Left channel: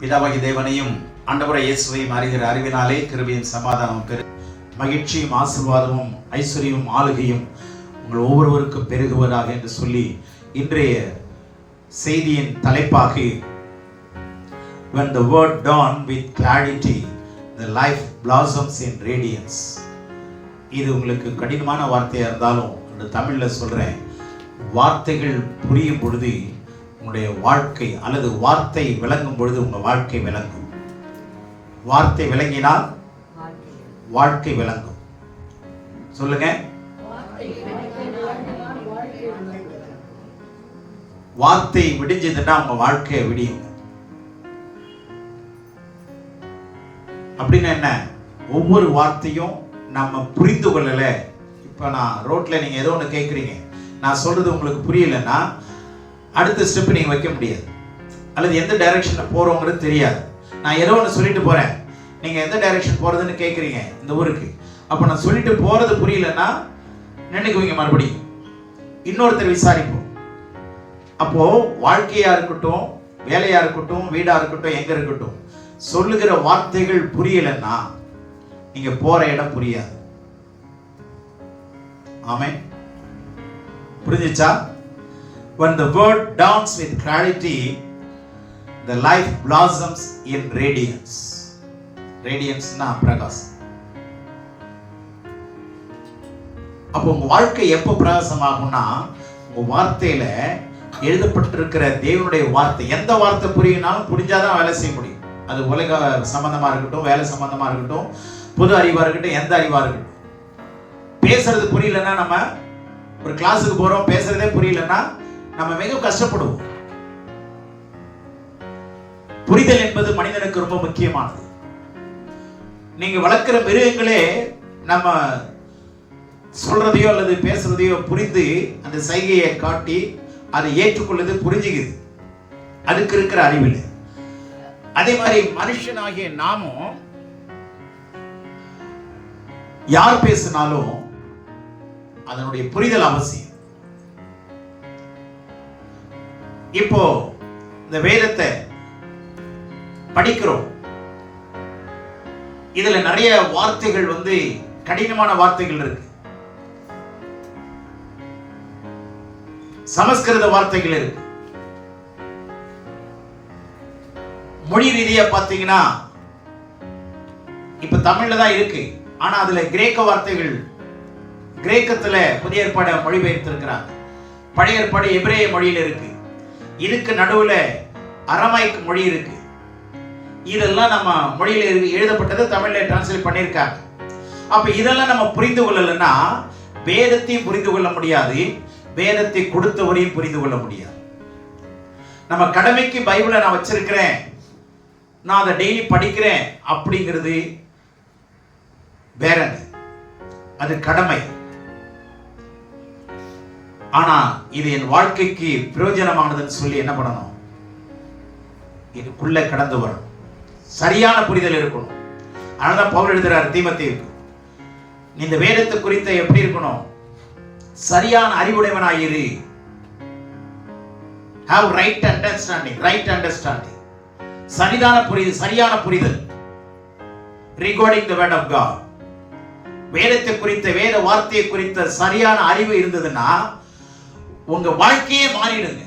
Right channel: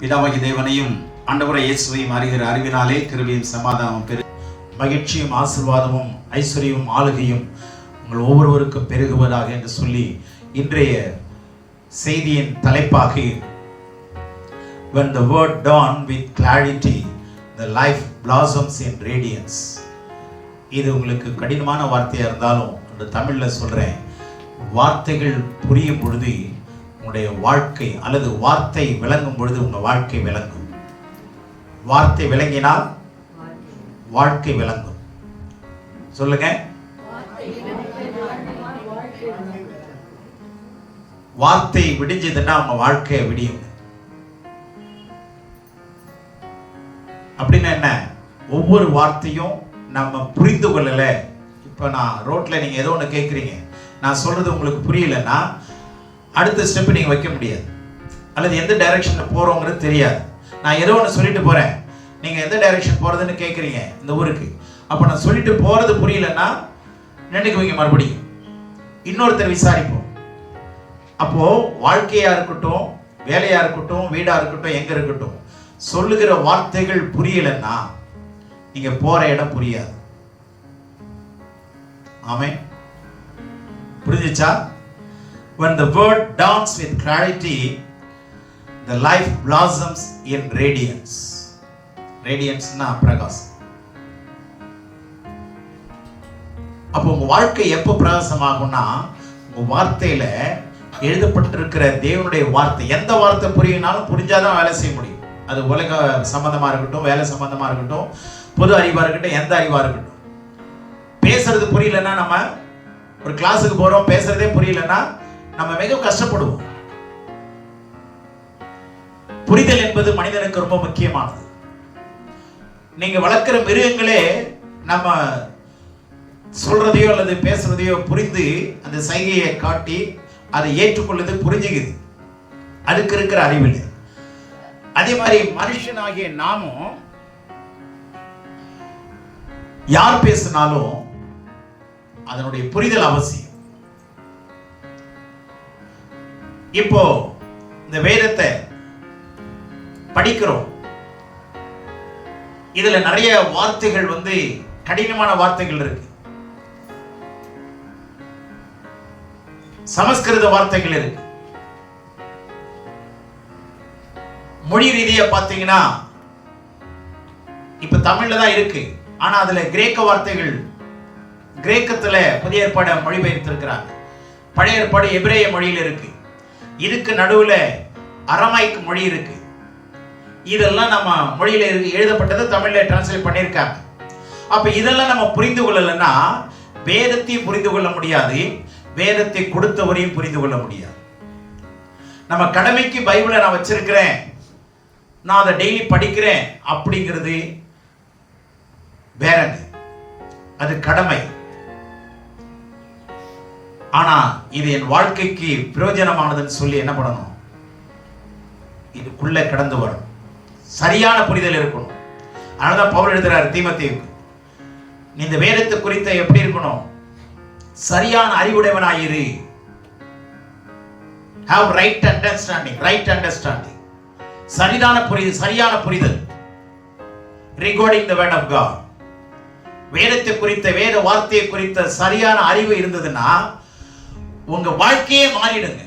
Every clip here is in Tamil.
பிதாவாகிய தேவனையும் ஆண்டவராகிய இயேசுவையும் அறிகிற அறிவினாலே கிருபையும் சமாதானமும் மகிழ்ச்சியும் ஆசீர்வாதமும் ஐஸ்வர்யமும் ஆளுகையும் உங்கள் ஒவ்வொருவருக்கும் பெருகுவதாக என்று சொல்லி இன்றைய செய்தியின் தலைப்பாக when the word dawn with clarity the life blossoms in radiance. இது உங்களுக்கு கடினமான வார்த்தையா இருந்தாலும் இந்த தமிழ்ல சொல்றேன், வார்த்தைகள் புரியும் பொழுது உங்களுடைய வாழ்க்கை அல்லது வார்த்தை விளங்கும் பொழுது உங்க வாழ்க்கை விளங்கும். வார்த்தை விளங்கினால் வாழ்க்கை விளங்கும். சொல்லுங்க, வார்த்தை விடிஞ்சதுன்னா உங்க வாழ்க்கையை விடியும். அப்படின்னா என்ன? ஒவ்வொரு வார்த்தையும் நம்ம புரிந்து கொள்ளல. இப்ப நான் ரோட்ல நீங்க ஏதோ ஒன்று கேட்குறீங்க, நான் சொல்றது உங்களுக்கு புரியலன்னா அடுத்த ஸ்டெப் நீங்க வைக்க முடியாது, அல்லது எந்த டைரக்ஷன்ல போறோங்கிறது தெரியாது. நான் ஏதோ ஒன்று சொல்லிட்டு போறேன், நீங்க எந்த டைரக்ஷன் போறதுன்னு கேட்குறீங்க இந்த ஊருக்கு. அப்ப நான் சொல்லிட்டு போறது புரியலன்னா நினைக்குவீங்க, மறுபடியும் இன்னொருத்தர் விசாரிப்போம். அப்போ வாழ்க்கையா இருக்கட்டும், வேலையா இருக்கட்டும், வீடா இருக்கட்டும், எங்க இருக்கட்டும், சொல்லுகிற வார்த்தைகள் புரியலன்னா நீங்க போற இடம் புரியாது. ஆமென். புரிஞ்சுச்சா? When the word dawns with clarity, the life blossoms in radiance. Radiance na பிரகாசம். அப்போ உங்க வாழ்க்கை எப்போ பிரகாசமாகும்னா உங்க வார்த்தையில எழுதப்பட்டிருக்கிற தேவனுடைய வார்த்தை. எந்த வார்த்தை புரியினாலும் புரிஞ்சாதான் வேலை செய்ய முடியும். அது உலக சம்பந்தமா இருக்கட்டும், வேலை சம்பந்தமா இருக்கட்டும், பொது அறிவா இருக்கட்டும், எந்த அறிவா இருக்கட்டும். பேசுறது புரியலன்னா, நம்ம ஒரு கிளாஸுக்கு போறோம், பேசுறதே புரியலன்னா நம்ம மிக கஷ்டப்படுவோம். புரிதல் என்பது மனிதனுக்கு ரொம்ப முக்கியமானது. நீங்க வளர்க்கிற மிருகங்களே நம்ம சொல்றதையோ அல்லது பேசுறதையோ புரிந்து அந்த சைகையை காட்டி அதை ஏற்றுக்கொள்ளுது, புரிஞ்சுக்குது. அதுக்கு இருக்கிற அறிவில். அதே மாதிரி மனுஷனாகிய நாமும் யார் பேசினாலும் அதனுடைய புரிதல் அவசியம். இப்போ இந்த வேதத்தை படிக்கிறோம், இதுல நிறைய வார்த்தைகள் கடினமான வார்த்தைகள் இருக்கு. சமஸ்கிருத வார்த்தைகள் இருக்கு. மொழி ரீதியா பாத்தீங்கன்னா இப்ப தமிழ்ல தான் இருக்கு, ஆனா அதுல கிரேக்க வார்த்தைகள், கிரேக்கத்துல புதிய ஏற்பாடு மொழிபெயர்த்து இருக்கிறாங்க. பழைய ஏற்பாடு எபிரேய மொழியில் இருக்கு. இதுக்கு நடுவுல அரமாய்க் மொழி இருக்கு. இதெல்லாம் நம்ம மொழியில எழுதப்பட்டது தமிழ்ல டிரான்ஸ்லேட் பண்ணியிருக்காங்க. அப்ப இதெல்லாம் நம்ம புரிந்து கொள்ளலன்னா வேதத்தையும் புரிந்து கொள்ள முடியாது, வேதத்தை கொடுத்தவரையும் புரிந்து கொள்ள முடியாது. நம்ம கடமைக்கு பைபிளை நான் வச்சிருக்கிறேன், நான் அதை டெய்லி படிக்கிறேன் அப்படிங்கிறது வேற, அது கடமை. ஆனா இது என் வாழ்க்கைக்கு பிரயோஜனமானதுன்னு சொல்லி என்ன பண்ணணும்? இதுக்குள்ள கடந்து வரும், சரியான புரிதல் இருக்கணும். அதனால பவுல் எழுதுறார் தீமோத்தேயுக்கு, நீ இந்த வேதத்தை குறித்த எப்படி இருக்கணும்? சரியான அறிவுடையவனாயிரு. have right understanding, right understanding. சரியான புரிதல் regarding the word of God. வேதத்தை குறித்த, வேத வார்த்தையை குறித்த சரியான அறிவு இருந்ததுன்னா உங்க வாழ்க்கையே மாறிடுங்க.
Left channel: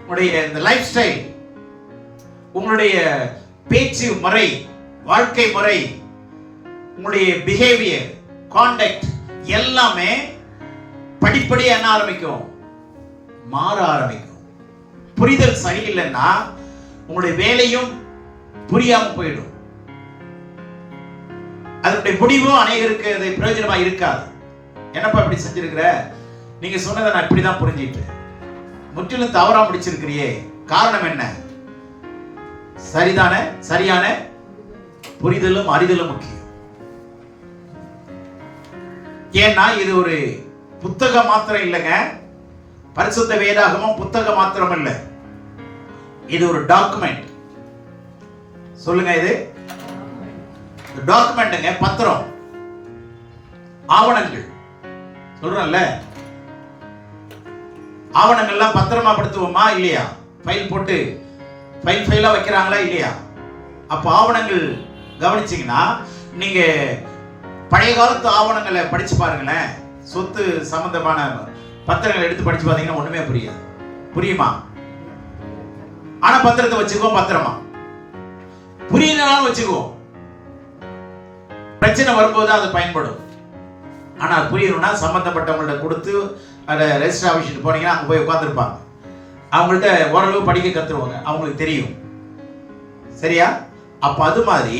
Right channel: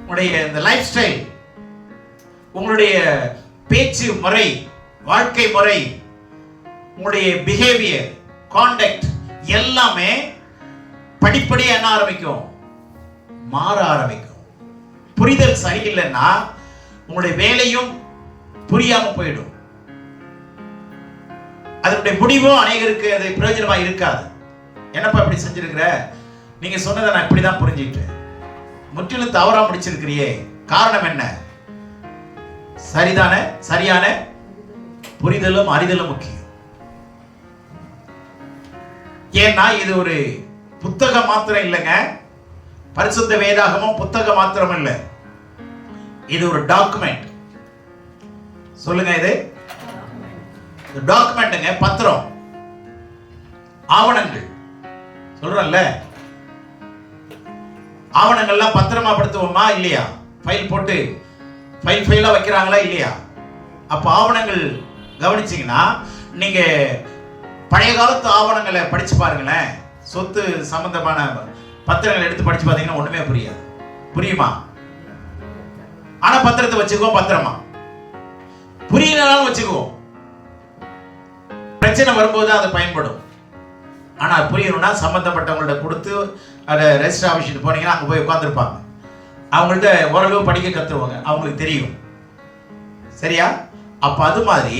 உங்களுடைய இந்த லைஃப் ஸ்டைல், உங்களுடைய பேச்சு முறை, வாழ்க்கை முறை, உங்களுடைய பிஹேவியர், கான்டக்ட் எல்லாமே படிப்படியா என்ன ஆரம்பிக்கும்? மாற ஆரம்பிக்கும். புரிதல் சரியில்லைன்னா உங்களுடைய வேலையும் புரியாம போயிடும். அதனுடைய முடிவும் அநேகருக்கு அது பிரயோஜனமா இருக்காது. என்னப்பா இப்படி செஞ்சிருக்கிற, நீங்க சொன்னதை நான் இப்படிதான் புரிஞ்சுக்கிட்டேன், முற்றிலும் தவறா முடிச்சிருக்கிறியே, காரணம் என்ன? சரிதானே? சரியான புரிதலும் அறிதலும் முக்கியம். ஏன்னா இது ஒரு புத்தகம் மாத்திரம் இல்லைங்க. பரிசுத்த வேதாகமம் புத்தகம் மாத்திரம் இல்ல, இது ஒரு டாக்குமெண்ட். சொல்லுங்க, இது டாக்குமெண்ட்ங்க, பத்திரம், ஆவணங்கள். சொல்றேன்ல, ஆவணங்கள்லாம் பத்திரமா படுத்துவோமா இல்லையா? ஃபைல் போட்டு ஃபைலா வைக்கிறாங்களா இல்லையா? அப்ப ஆவணங்கள் கவனிச்சீங்கன்னா நீங்க பழைய காலத்து ஆவணங்களை படிச்சு பாருங்களேன். சொத்து சம்பந்தமான பத்திரங்களை எடுத்து படிச்சு பார்த்தீங்கன்னா ஒண்ணுமே புரியாது. புரியுமா? ஆனா பத்திரத்தை வச்சுக்குவோம், பத்திரமா புரியலனாலும் வச்சுக்குவோம். பிரச்சனை வரும்போது அது பயன்படும். ஆனா புரியணும்னா சம்பந்தப்பட்டவங்கள்ட்ட கொடுத்து அதை ரெஜிஸ்டர் ஆஃபீஸுக்கு போனீங்கன்னா அங்கே போய் உட்காந்துருப்பாங்க. அவங்கள்ட்ட ஓரளவு படிக்க கற்றுருவாங்க, அவங்களுக்கு தெரியும். சரியா? அப்ப அது மாதிரி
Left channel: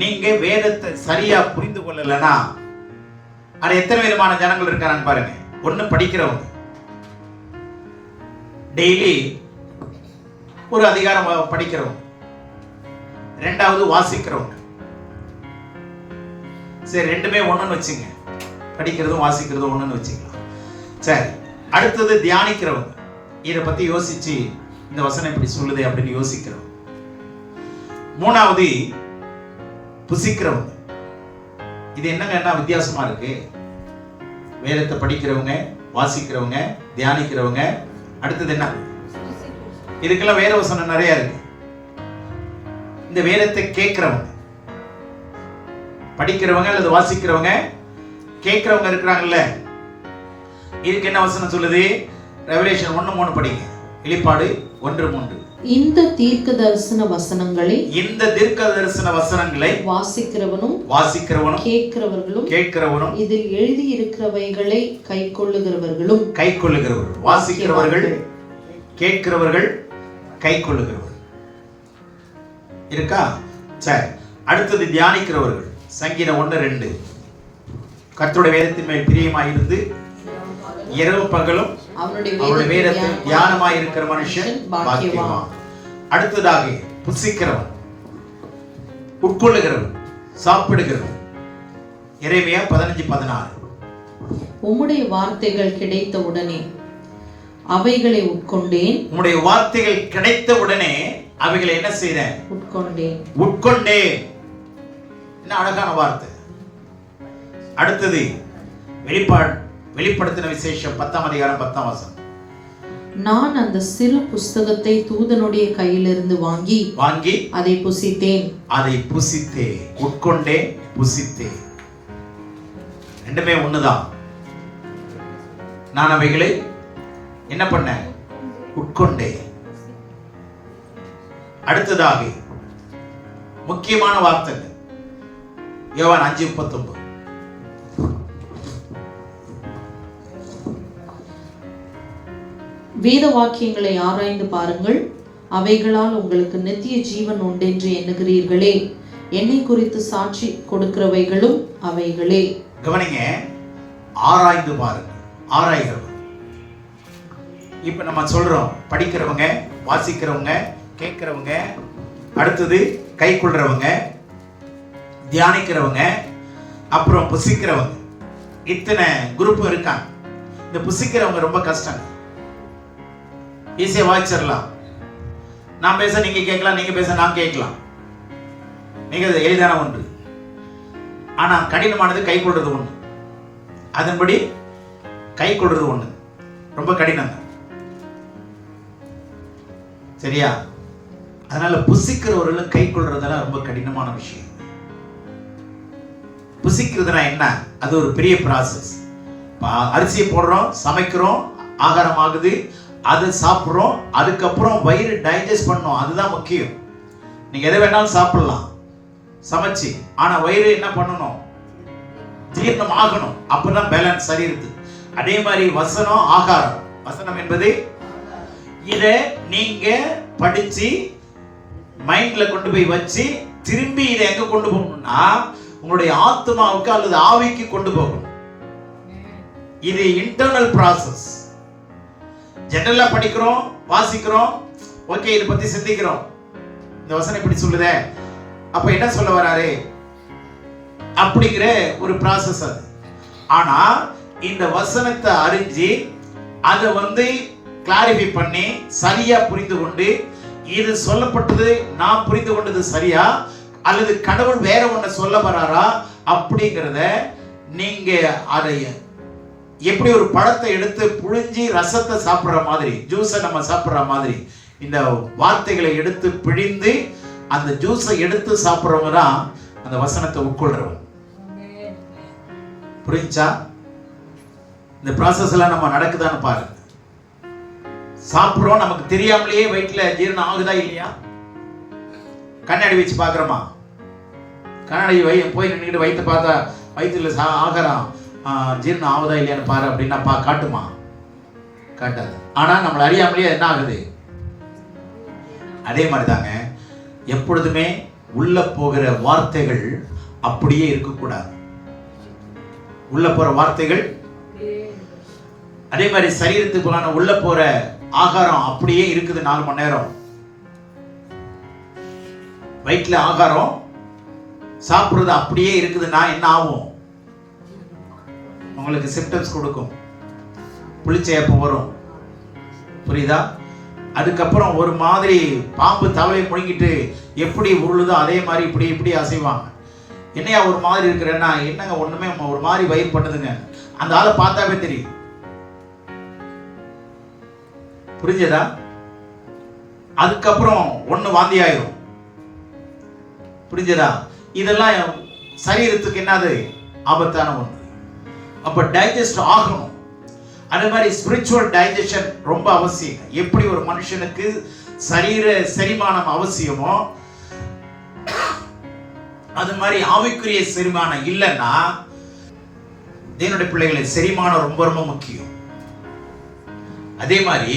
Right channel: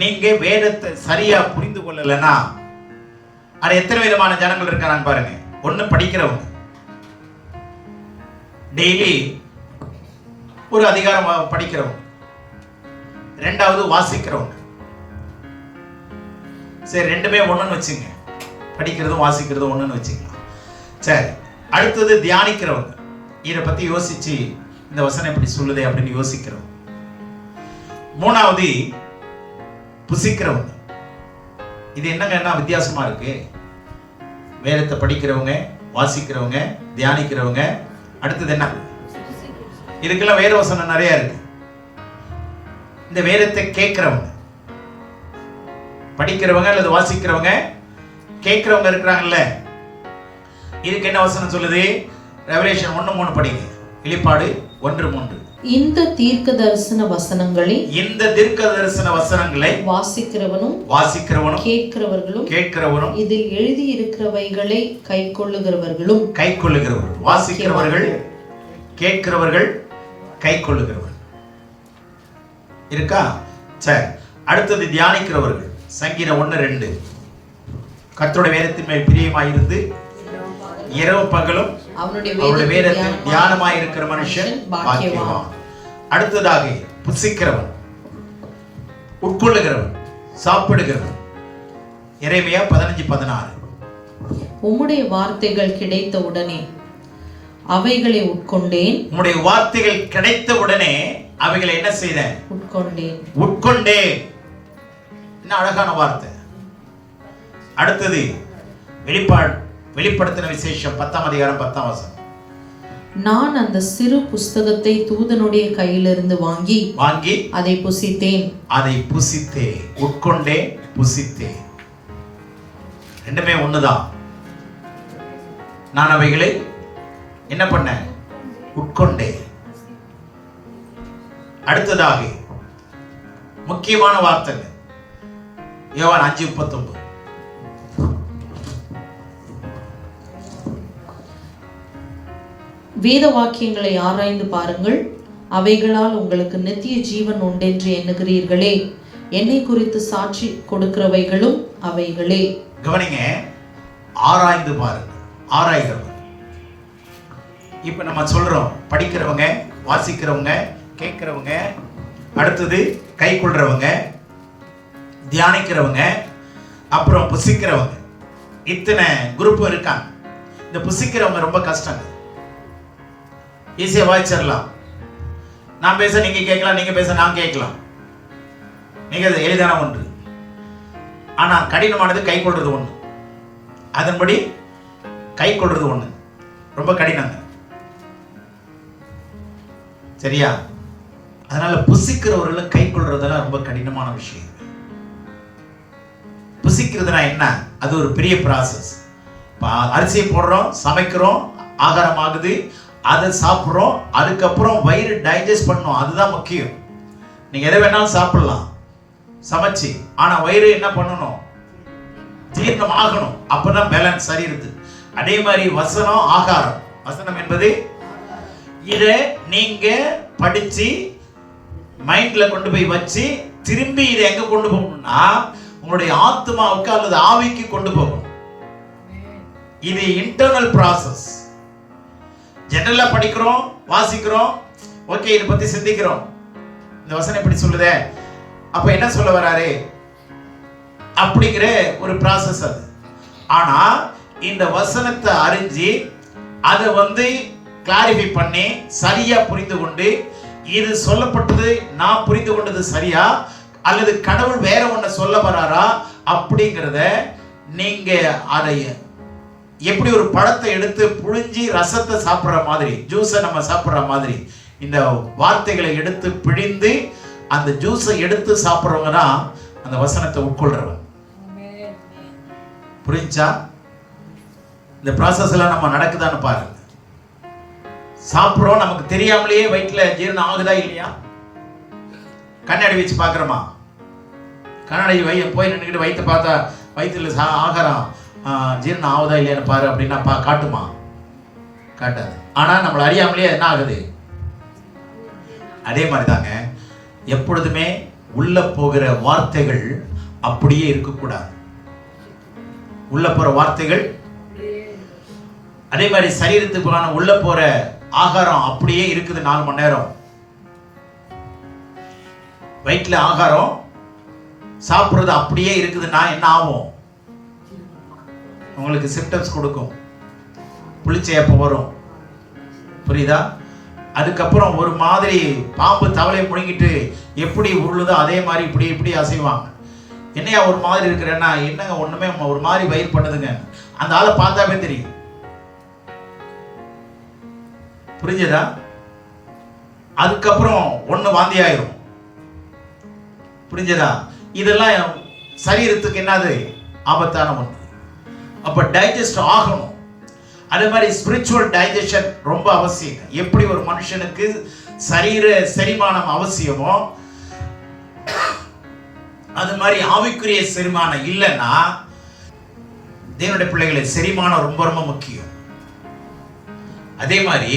நீங்க வேதத்தை சரியா புரிந்து கொள்ளலைன்னா அது எத்தனை விதமான ஜனங்கள் இருக்காங்க பாருங்க. ஒண்ணு படிக்கிறவங்க, டெய்லி ஒரு அதிகாரம் படிக்கிறவங்க. ரெண்டாவது வாசிக்கிறவங்க. சரி, ரெண்டுமே ஒண்ணுன்னு வச்சுங்க, படிக்கிறதும் வாசிக்கிறதும் ஒண்ணுன்னு வச்சுக்கலாம். சரி, அடுத்தது தியானிக்கிறவங்க. இதை பத்தி யோசிச்சு இந்த வசனம் எப்படி சொல்லுதே அப்படின்னு யோசிக்கிறவங்க. மூணாவது புசிக்கிறவங்க. இது என்னங்கன்னா வித்தியாசமா இருக்கு. வேதத்தை படிக்கிறவங்க, வாசிக்கிறவங்க, தியானிக்கிறவங்க. அடுத்தது என்ன? இதுக்கெல்லாம் வேத வசனம் நிறைய இருக்கு. இந்த வேதத்தை கேட்கிறவங்க, படிக்கிறவங்க அல்லது வாசிக்கிறவங்க, கேட்கிறவங்க இருக்கிறாங்கல்ல, இதுக்கு என்ன வசனம் சொல்லுது? ரெவலேஷன் 1:3 படிங்க. வெளிப்பாடு 1:3. இந்த தீர்க்க தரிசன வசனங்களை வாசிக்கிறவனும் கேட்கிறவர்களும் இதில் எழுதி இருக்கிறவைகளை கைக்கொள்ளுகிறவர்களும். வாசிக்கிறவர்கள், கேட்கிறவர்கள், கைக்கொள்ளுகிறவர்கள் இருக்கா? சரி, அடுத்தது தியானிக்கிறவர்கள். சங்கீதம் 1:2. கர்த்தருடைய வேதத்தின் மேல் பிரியமாயிருந்து இரவு பகலும் அவருடைய வேதத்தில் தியானமாய் இருக்கிற மனுஷன் பாக்கியவான். அடுத்ததாக புசிக்கிறவன், உட்கொள்ளுகிறவன், சாப்பிடுகிறவன். எரேமியா 15:16. உம்முடைய வார்த்தைகள் கிடைத்த உடனே அவைகளை உட்கொண்டேன். உம்முடைய வார்த்தைகள் கிடைத்த உடனே அவைகளை என்ன செய்தேன்? உட்கொண்டேன். என்ன அழகான வார்த்தை. அடுத்தது வெளிப்படுத்தின விசேஷம் 10ஆம் அதிகாரம் 10ஆம் வசனம். நான் அந்த சிறு புஸ்தகத்தை தூதனுடைய கையிலிருந்து வாங்கி அதை புசித்தேன். உட்கொண்டேன், புசித்தேன். ரெண்டுமே ஒண்ணுதான். நான் அவைகளை என்ன பண்ணேன்? உட்கொண்டேன். அடுத்ததாக முக்கியமான வார்த்தை யோவான் 5:39. வேத வாக்கியங்களை ஆராய்ந்து பாருங்கள், அவைகளால் உங்களுக்கு நித்திய ஜீவன் உண்டென்று எண்ணுகிறீர்களே, என்னை குறித்து சாட்சி கொடுக்கிறவைகளும் அவைகளே. கவனிங்க, ஆராய்ந்து பாருங்கள். ஆராய்கிறவங்க. இப்ப நம்ம சொல்றோம், படிக்கிறவங்க, வாசிக்கிறவங்க, கேட்கிறவங்க, அடுத்தது கை கொள்றவங்க, தியானிக்கிறவங்க, அப்புறம் புசிக்கிறவங்க. இத்தனை குரூப் இருக்காங்க. இந்த புசிக்கிறவங்க ரொம்ப கஷ்டம். ஈஸியா வாய்ச்சிடலாம். நான் பேச நீங்க கேட்கலாம், நீங்க பேச நான் கேட்கலாம். மிக எளிதான ஒன்று. ஆனா கடினமானது கை கொள்றது ஒண்ணு. அதன்படி கை கொள்றது ஒண்ணு ரொம்ப கடினம். சரியா? அதனால புசிக்கிறவர்களும் கை கொள்றதெல்லாம் ரொம்ப கடினமான விஷயம். புசிக்கிறதுனா என்ன? அது ஒரு பெரிய ப்ராசஸ். அரிசியை போடுறோம், சமைக்கிறோம், ஆகாரம் ஆகுது, அதை சாப்பிட்றோம், அதுக்கப்புறம் வயிறு டைஜஸ்ட் பண்ணணும். அதுதான் முக்கியம். நீங்க எதை வேணாலும் சாப்பிடலாம் சமைச்சு, ஆனா வயிறு என்ன பண்ணணும்? ஜீரணம் ஆகணும். அப்பதான் பேலன்ஸ் சரி இருக்கு. அதே மாதிரி வசனம், ஆகாரம். வசனம் என்பது இதை நீங்க படிச்சு மைண்ட்ல கொண்டு போய் வச்சு திரும்பி இதை எங்க கொண்டு போகணும்னா உங்களுடைய ஆத்மாவுக்கு அல்லது ஆவிக்கு கொண்டு போகணும். இது இன்டர்னல் ப்ராசஸ். ஜெனரலா படிக்கிறோம், வாசிக்கிறோம், ஓகே, இதை பத்தி சிந்திக்கிறோம். இந்த வசனம் எப்படி சொல்லுதே, அப்ப என்ன சொல்ல வராரு அப்படிங்கிற ஒரு ப்ராசஸ் அது. ஆனா இந்த வசனத்தை அறிஞ்சு அதை கிளாரிஃபை பண்ணி சரியா புரிந்து கொண்டு, இது சொல்லப்பட்டது நான் புரிந்து கொண்டது சரியா அல்லது கடவுள் வேற ஒண்ணு சொல்ல வராரா அப்படிங்கிறத நீங்க அதை எப்படி ஒரு பழத்தை எடுத்து புழிஞ்சி ரசத்தை சாப்பிடுற மாதிரி, ஜூஸை நம்ம சாப்பிடுற மாதிரி இந்த வார்த்தைகளை எடுத்து பிழிந்து அந்த ஜூஸை எடுத்து சாப்பிட்றவங்க தான் அந்த வசனத்தை உட்கொள்றவங்க. புரிஞ்சா? இந்த ப்ராசஸ் எல்லாம் நம்ம நடக்குதான்னு பாருங்க. சாப்பிட்றோம், நமக்கு தெரியாமலேயே வயிற்றுல ஜீரணம் ஆகுதா இல்லையா? கண்ணாடி வச்சு பார்க்குறோமா? கண்ணாடி போய் நின்றுக்கிட்டு வயிற்று பார்த்தா வயிற்றுல ஆகாரம் ஜீரணம் ஆகுதா இல்லையான்னு பாரு அப்படின்னா காட்டுமா? காட்டாது. ஆனால் நம்மளை அறியாமலேயே என்ன ஆகுது? அதே மாதிரி தாங்க எப்பொழுதுமே உள்ள போகிற வார்த்தைகள் அப்படியே இருக்கக்கூடாது. உள்ள போற வார்த்தைகள் அதே மாதிரி சரீரத்துக்கான உள்ள போற ஆகாரம் அப்படியே இருக்குது. 4 மணி நேரம் வயிற்றுல ஆகாரம் சாப்பிடுறது அப்படியே இருக்குதுன்னா என்ன ஆகும்? உங்களுக்கு சிம்டம்ஸ் கொடுக்கும். புளிச்சேப்பம் வரும். புரியுதா? அதுக்கப்புறம் ஒரு மாதிரி பாம்பு தவளையை முழுங்கிட்டு எப்படி உருளுதோ அதே மாதிரி இப்படி இப்படி அசைவாங்க. என்னையா ஒரு மாதிரி இருக்கிறேன்னா, என்னங்க ஒண்ணுமே ஒரு மாதிரி வயிறு பண்ணுதுங்க. அந்த ஆளை பார்த்தாவே தெரியும். புரிஞ்சதா? அதுக்கப்புறம் ஒண்ணு வாந்தி ஆயிரும். புரிஞ்சதா? இதெல்லாம் சரீரத்துக்கு என்னது? ஆபத்தான ஒன்று. அப்ப டைஜஸ்ட் ஆகணும். அதே மாதிரி ஸ்பிரிச்சுவல் டைஜஷன் ரொம்ப அவசியம். எப்படி ஒரு மனுஷனுக்கு சரீர செரிமானம் அவசியமோ அது மாதிரி ஆவிக்குரிய செரிமானம் இல்லைன்னா தேவனுடைய பிள்ளைகளை செரிமானம் ரொம்ப ரொம்ப முக்கியம். அதே மாதிரி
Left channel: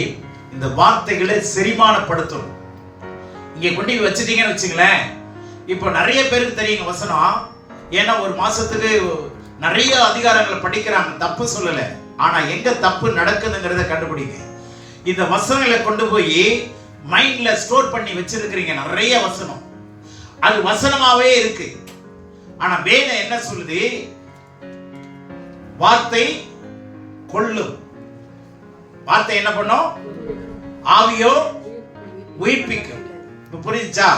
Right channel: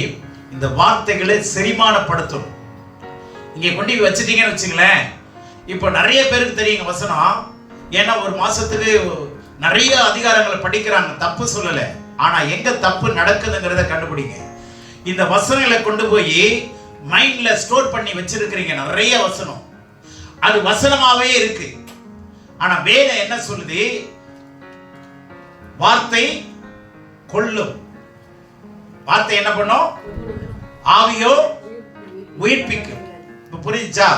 இந்த வார்த்தைகளை செரிமானப்படுத்தணும். இங்க கொண்டு வச்சுட்டீங்கன்னு வச்சுங்களேன், இப்போ நிறைய பேருக்கு தெரியுங்க வசனம். ஏன்னா ஒரு மாசத்துக்கு நிறைய அதிகாரங்களை படிக்கிறாங்க, தப்பு சொல்லலை. ஆனா எங்க தப்பு நடக்குதுங்கிறத கண்டுபிடிங்க. இந்த வசனங்களை கொண்டு போய் மைண்ட்ல ஸ்டோர் பண்ணி வச்சிருக்கிறீங்க. நிறைய வசனம் அது வசனமாவே இருக்கு. ஆனா வேதம் என்ன சொல்லுது? வார்த்தை கொல்லும். வார்த்தை என்ன பண்ணும்? ஆவியோ உயிர்ப்பிக்கும். இப்ப புரியுச்சா?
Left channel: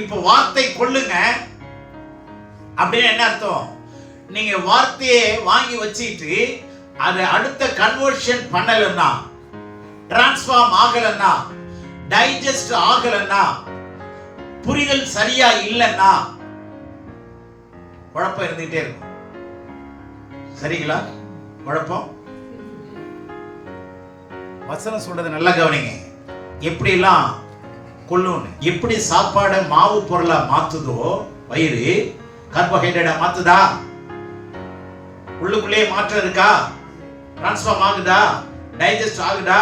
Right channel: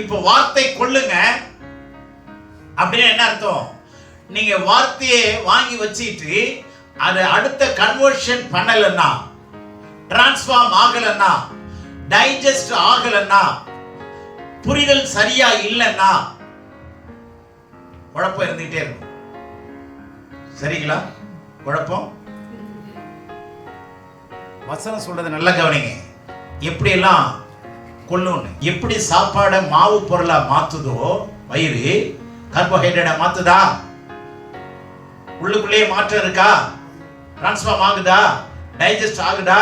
இப்ப வார்த்தை கொல்லுங்க அப்படின்னு என்ன அர்த்தம்? நீங்க வார்த்தையை வாங்கி வச்சுட்டு அதை அடுத்த கன்வர்ஷன் பண்ணலன்னா, டிரான்ஸ்ஃபார்ம் ஆகலன்னா, டைஜஸ்ட் ஆகலன்னா, புரிதல் சரியா இல்லைன்னா குழப்பம் இருந்துகிட்டே இருக்கும். சரிங்களா? குழப்பம். வசனம் சொல்றது நல்லா கவனிங்க. எப்படி எல்லாம் கொல்லுன்னு, எப்படி சாப்பாடை மாவு பொருளா மாத்துதோ வயிறு, கார்போஹைட்ரேட்டா மாத்துதா? உள்ளுக்குள்ளே மாற்றம் இருக்கா? டிரான்ஸ்ஃபார்ம் ஆகுதா? டைஜஸ்ட் ஆகுதா?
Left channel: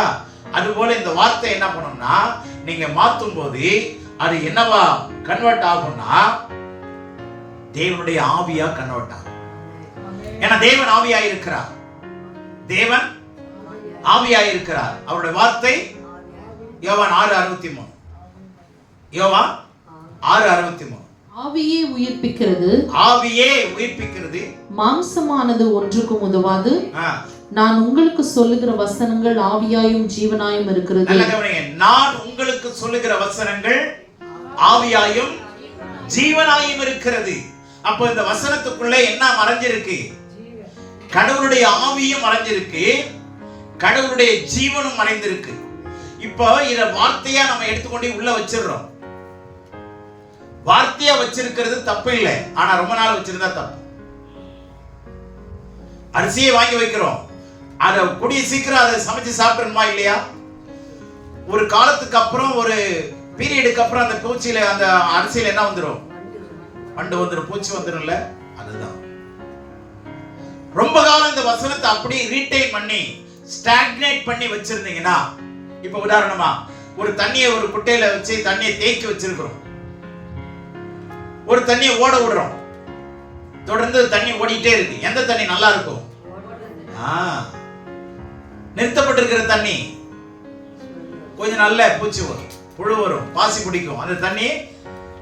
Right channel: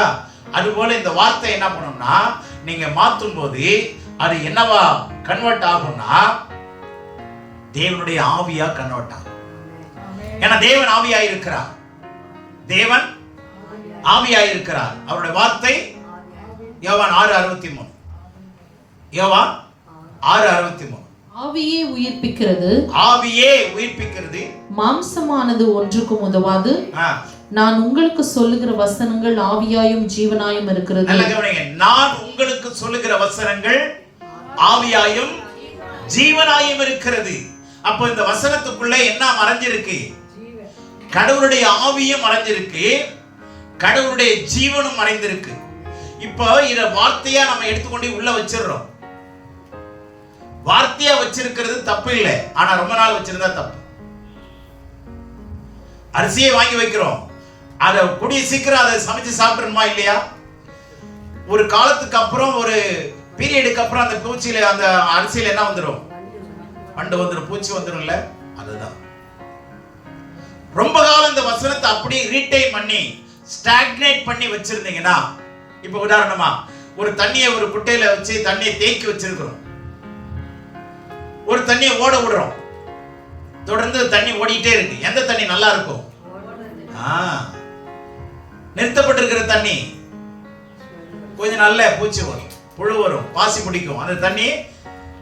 அதுபோல இந்த வார்த்தை என்ன பண்ணும்னா, நீங்க மாற்றும் போது அது என்னவா கன்வெர்ட் ஆகும்னா தேவனுடைய ஆவியா கன்வெர்ட் ஆகும். ஏன்னா தேவன் ஆவியா இருக்கிறார். தேவன் ஆவியா இருக்கிறார். அவருடைய வார்த்தை யோவான் 6:63. யோவான் 6:63. ஆவியே உயிர்ப்பிக்கிறது. ஆவியே உயிர்ப்பிக்கிறது. மாம்சமானது ஒன்றுக்கும் உதவாது. நான் உங்களுக்கு சொல்லுகிற வசனங்கள் ஆவியாயும் ஜீவனாயும் இருக்கிறது. நல்ல கவனிங்க. நான் உங்களுக்கு சொல்லுகிற வசனங்கள் ஆவியாயும் ஜீவனாயும் இருக்கிறது. அப்போ இந்த வசனத்துக்குள்ள என்ன மறைஞ்சிருக்கு? கடவுளுடைய ஆவியும் மறைஞ்சிருக்கு, கடவுளுடைய ஜீவனும் மறைந்திருக்கு. இப்போ இத வார்த்தையா நம்ம எடுத்துக்கொண்டு உள்ள வச்சிடுறோம். வார்த்தையா வச்சிருக்கிறது தப்பு இல்லை, ஆனா ரொம்ப நாள் வச்சிருந்தா தப்பு. அரிசியை வாங்கி வைக்கிறோம், அதை கூடிய சீக்கிரம் அதை சமைச்சு சாப்பிடணுமா இல்லையா? ஒரு காலத்துக்கு அப்புறம், ஒரு பீரியடுக்கு அப்புறம் அந்த பூச்சியில, அந்த அரிசியில என்ன வந்துடும்? வண்டு வந்துடும், பூச்சி வந்துடும்ல. அதுதான் ரொம்ப காலம் இந்த வசனத்தை அப்படியே ரீடைன் பண்ணி ஸ்டாக்னேட் பண்ணி வச்சிருந்தீங்கன்னா, இப்ப உதாரணமா ஒரு தண்ணியை ஒரு குட்டையில வச்சு தண்ணியை தேக்கி வச்சிருக்கிறோம், ஒரு தண்ணியை ஓட விடுறோம், தொடர்ந்து தண்ணி ஓடிட்டே இருக்கு. எந்த தண்ணி நல்லா இருக்கும்? நிறுத்தப்பட்டிருக்கிற தண்ணி கொஞ்சம் நல்ல பூச்சி வரும், புழு வரும், பாசி பிடிக்கும். அந்த தண்ணி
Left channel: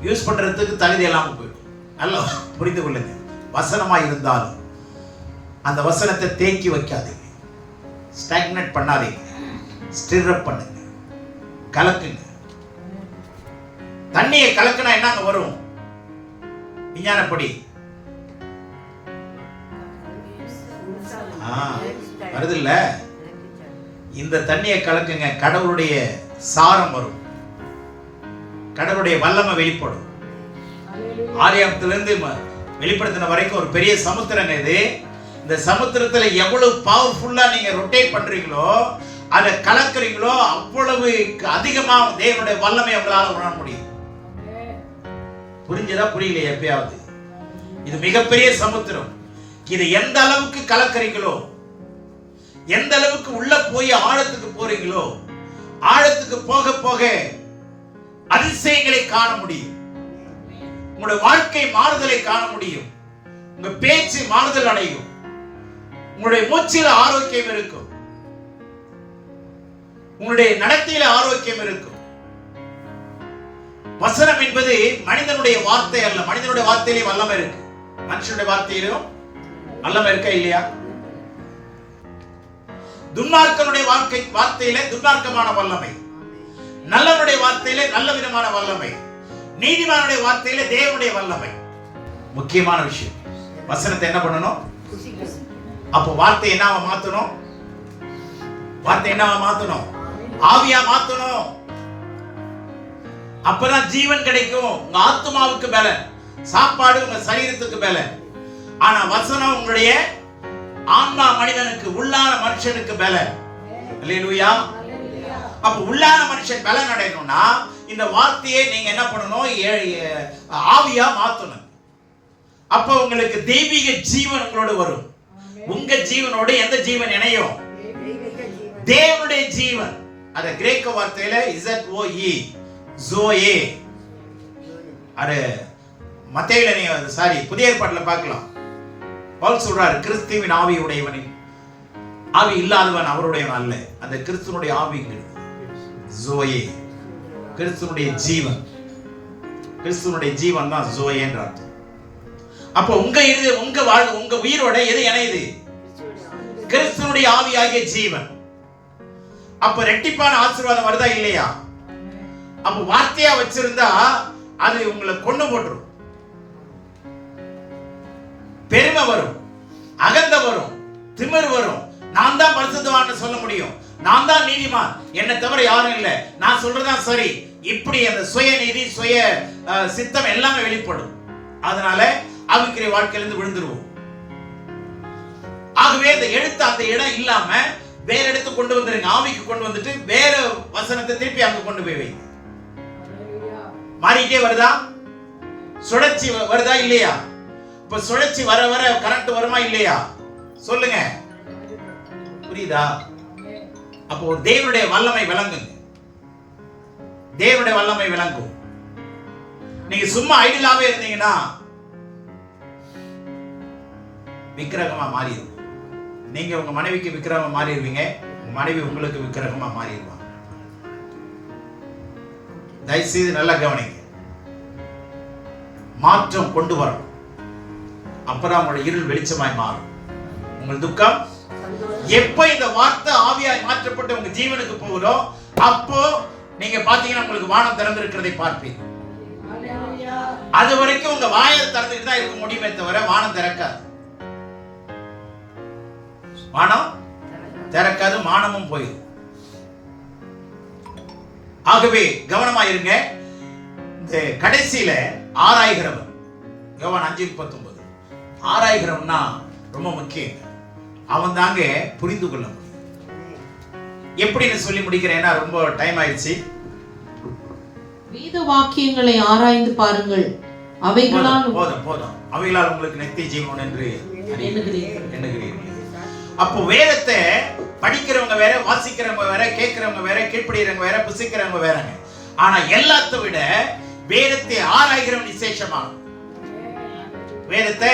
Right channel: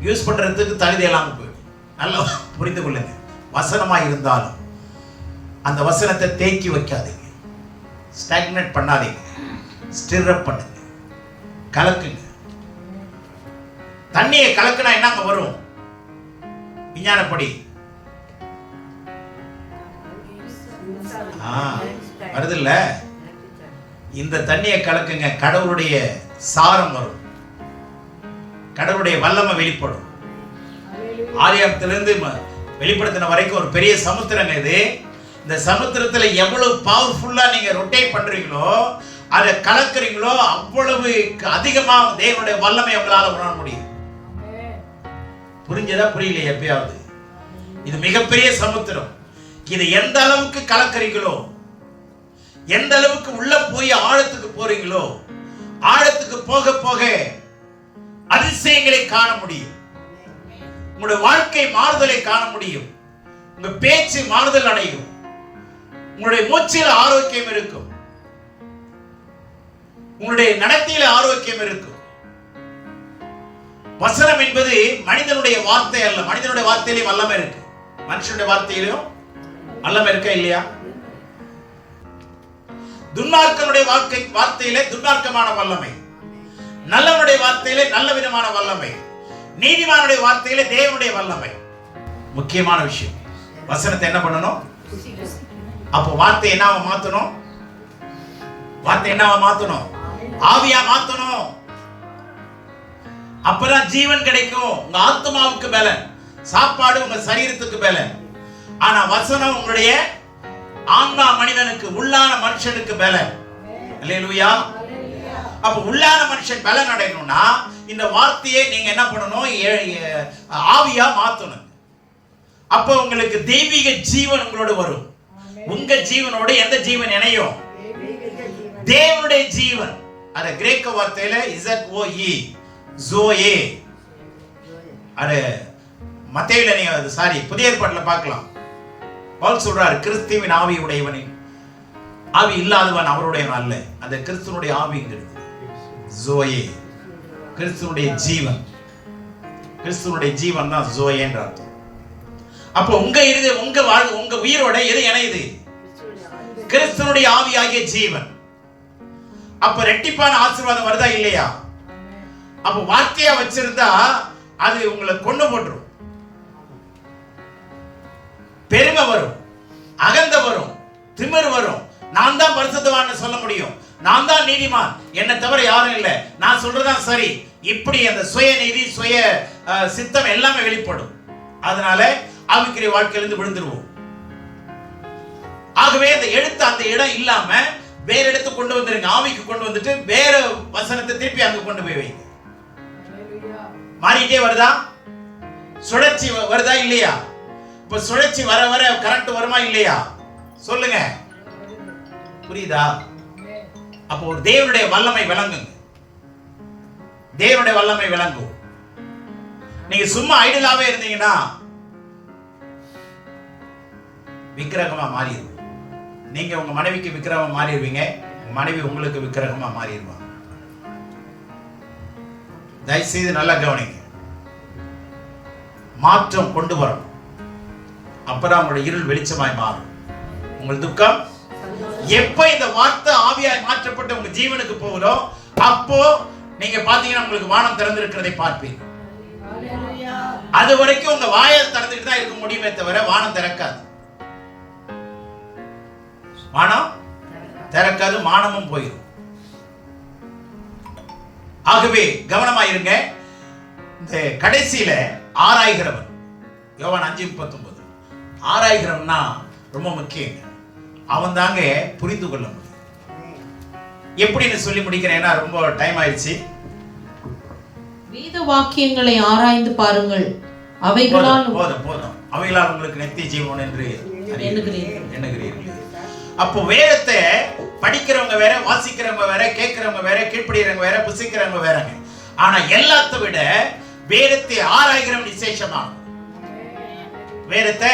யூஸ் பண்றதுக்கு தகுதி இல்லாம போயிடும். நல்லா புரிந்து கொள்ளுங்க. வசனமா இருந்தாலும் அந்த வசனத்தை தேக்கி வைக்காதீங்க, ஸ்டாக்னேட் பண்ணாதீங்க, ஸ்டிர் அப் பண்ணுங்க, கலக்குங்க. தண்ணியை கலக்குனா என்னங்க வரும்? விஞ்ஞானப்படி வருது இல்ல? இந்த தண்ணியை கலக்குங்க, கடவுளுடைய சாரம் வரும், கடவுளுடைய வல்லமை வெளிப்படும். ஆரியத்திலிருந்து வெளிப்படுத்தின வரைக்கும் ஒரு பெரிய சமுத்திரங்க இது. இந்த சமுத்திரத்துல எவ்வளவு பவர்ஃபுல்லா நீங்க ரொட்டேட் பண்றீங்களோ, அதை கலக்குறீங்களோ, அவ்வளவு அதிகமா தேவனுடைய வல்லமை உங்களால உணர முடியும். புரிஞ்சதா புரியலையா? எப்பயாவது இது மிகப்பெரிய சமுத்திரம். இது எந்த அளவுக்கு கலக்குறீங்களோ, எந்த அளவுக்கு உள்ள போய் ஆழத்துக்கு போறீங்களோ, ஆழத்துக்கு போக போக அதிசயங்களை காண முடியும். உங்களுடைய வாழ்க்கை மாறுதலை காண முடியும். உங்க பேச்சு மாறுதல் அடையும். உங்களுடைய மூச்சில் ஆரோக்கியம் இருக்கும். உங்களுடைய நடத்தையில ஆரோக்கியம் இருக்கும். வசனம் என்பது மனிதனுடைய வார்த்தை அல்ல. மனிதனுடைய வார்த்தையிலே வல்லமை இருக்கு. மனுஷனுடைய வார்த்தையிலும் வல்லமை இருக்கா இல்லையா? துன்மார்க்கனுடைய வார்த்தையிலே துன்மார்க்கமான வல்லமை, நல்லவனுடைய வார்த்தையிலே நல்ல விதமான வல்லமை, நீதிமானுடைய வார்த்தையிலே தேவனுடைய வல்லமை. முக்கியமான விஷயம், வசனத்தை என்ன பண்ணணும்? அப்போ வார்த்தை என்னவா மாத்தணும்? வார்த்தை என்னவா மாத்தணும்? ஆவியா மாத்தணும். அப்பதான் ஜீவன் கிடைக்கும். உங்க ஆத்மாவுக்கு பலன், சாப்பாடு உங்க சரீரத்துக்கு பலன். ஆனா வசனம் உங்களுடைய ஆன்மா மனிதனுக்கு, உள்ளான மனுஷனுக்கு பலன். அல்லேலூயா. அப்ப உள்ளான மனுஷன் பலன் அடையணும்னா இந்த வார்த்தையை நீங்க என்ன பண்ணணும்? ஆவியா மாத்தணும். அப்ப உங்களுக்கு தெய்வீக ஜீவன் உங்களோட வரும். உங்க ஜீவனோட எந்த ஜீவன் இணையும்? தேவனுடைய ஜீவன். அத கிரேக்க வார்த்தையில ZOE, ஜோயே. அத மத்தேயுல நீங்க புதிய ஏற்பாட்டுல பார்க்கலாம். பவுல் சொல்றாரு, கிறிஸ்துவின் ஆவி உடையவனின் ஆவி இல்லாதவன் அவருடையவன் அல்ல. அந்த கிறிஸ்துவனுடைய ஆவிங்கிறது ஜோயே, கிறிஸ்துவனுடைய ஜீவன். கிறிஸ்துவனுடைய ஜீவன் தான் ஜோயே என்ற அர்த்தம். அப்ப உங்க உயிரோட எது இணையுது? கிறிஸ்துவனுடைய ஆவியாகிய ஜீவன். அப்ப ரெட்டிப்பான ஆசீர்வாதம் வருதா இல்லையா? அப்ப வார்த்தையா வச்சிருந்தா அது உங்களை கொண்டு போட்டுரும். பெருமை வரும், அகந்த வரும், திமிர் வரும். நான் தான் பரிசுத்தவான்னு சொல்ல முடியும், நான் தான் நீதிமான், என்னை தவிர யாரும் இல்லை, நான் சொல்றதான் சரி, இப்படி அந்த சுய நீதி, சுய சித்தம் எல்லாமே வெளிப்படும். அதனால ஆவிக்குரிய வாழ்க்கையிலிருந்து விழுந்துருவோம். ஆகவே அந்த எழுத்து அந்த இடம் இல்லாம வேற இடத்துக்கு கொண்டு வந்துருங்க. ஆவிக்கு கொண்டு வந்துட்டு வேற வசனத்தை திருப்பி அங்க கொண்டு போய் வைங்க. மாறிட்டே வருதா? சுழற்சி வருதா இல்லையா? இப்ப சுழற்சி வர வர கரண்ட் வருமா இல்லையா? சொல்லுங்க, புரியுதா? அப்போ ஒரு தேவனுடைய வல்லமை விளங்குங்க. தேவனுடைய வல்லமை விளங்கும். நீங்க சும்மா ஐடியலாவே இருந்தீங்கன்னா விக்கிரகமா மாறிடுது. நீங்க உங்க மனைவிக்கு விக்கிரகமா மாறிடுவீங்க, உங்க மனைவி உங்களுக்கு விக்கிரகமா மாறிடுவாங்க. தயவுசெய்து நல்லா கவனிங்க. மாற்றம் கொண்டு வரணும். அப்பதான் உங்களுடைய இருள் வெளிச்சமாய் மாறும். உங்கள் துக்கம் எப்ப இந்த வார்த்தை ஆவியாய் மாற்றப்பட்டு உங்க ஜீவனுக்கு போகுதோ அப்போ நீங்க பாத்தீங்கன்னா உங்களுக்கு வானம் திறந்திருக்கிறதை பார்ப்பீங்க. அது வரைக்கும் உங்க வாயை திறந்துட்டு தான் இருக்க முடியுமே தவிர வானம் திறக்காது. வானம் திறக்காது, மானமும் போயிடும். ஆகவே கவனமாயிருங்க. இந்த கடைசியில ஆராய்கிறவன், யோவான் 5:39, ஆராய்கிறவன்னா ரொம்ப முக்கியம். அவன் தாங்க புரிந்து கொள்ள முடியும். எப்படின்னு சொல்லி முடிக்கிறேன்னா ரொம்ப டைம் ஆயிடுச்சு. வேத வாக்கியங்களை ஆராய்ந்து பாருங்கள், அவைகளால் போதும் அவைகளால் உங்களுக்கு நித்திய ஜீவன் என்று எண்ணுகிறீர்கள். அப்போ வேதத்தை படிக்கிறவங்க வேற, வாசிக்கிறவங்க வேற, கேட்கிறவங்க வேற, கீழ்ப்படிகிறவங்க வேற, புசிக்கிறவங்க வேறங்க. ஆனா எல்லாத்த விட வேதத்தை ஆராய்கிறவன் விசேஷமான. வேதத்தை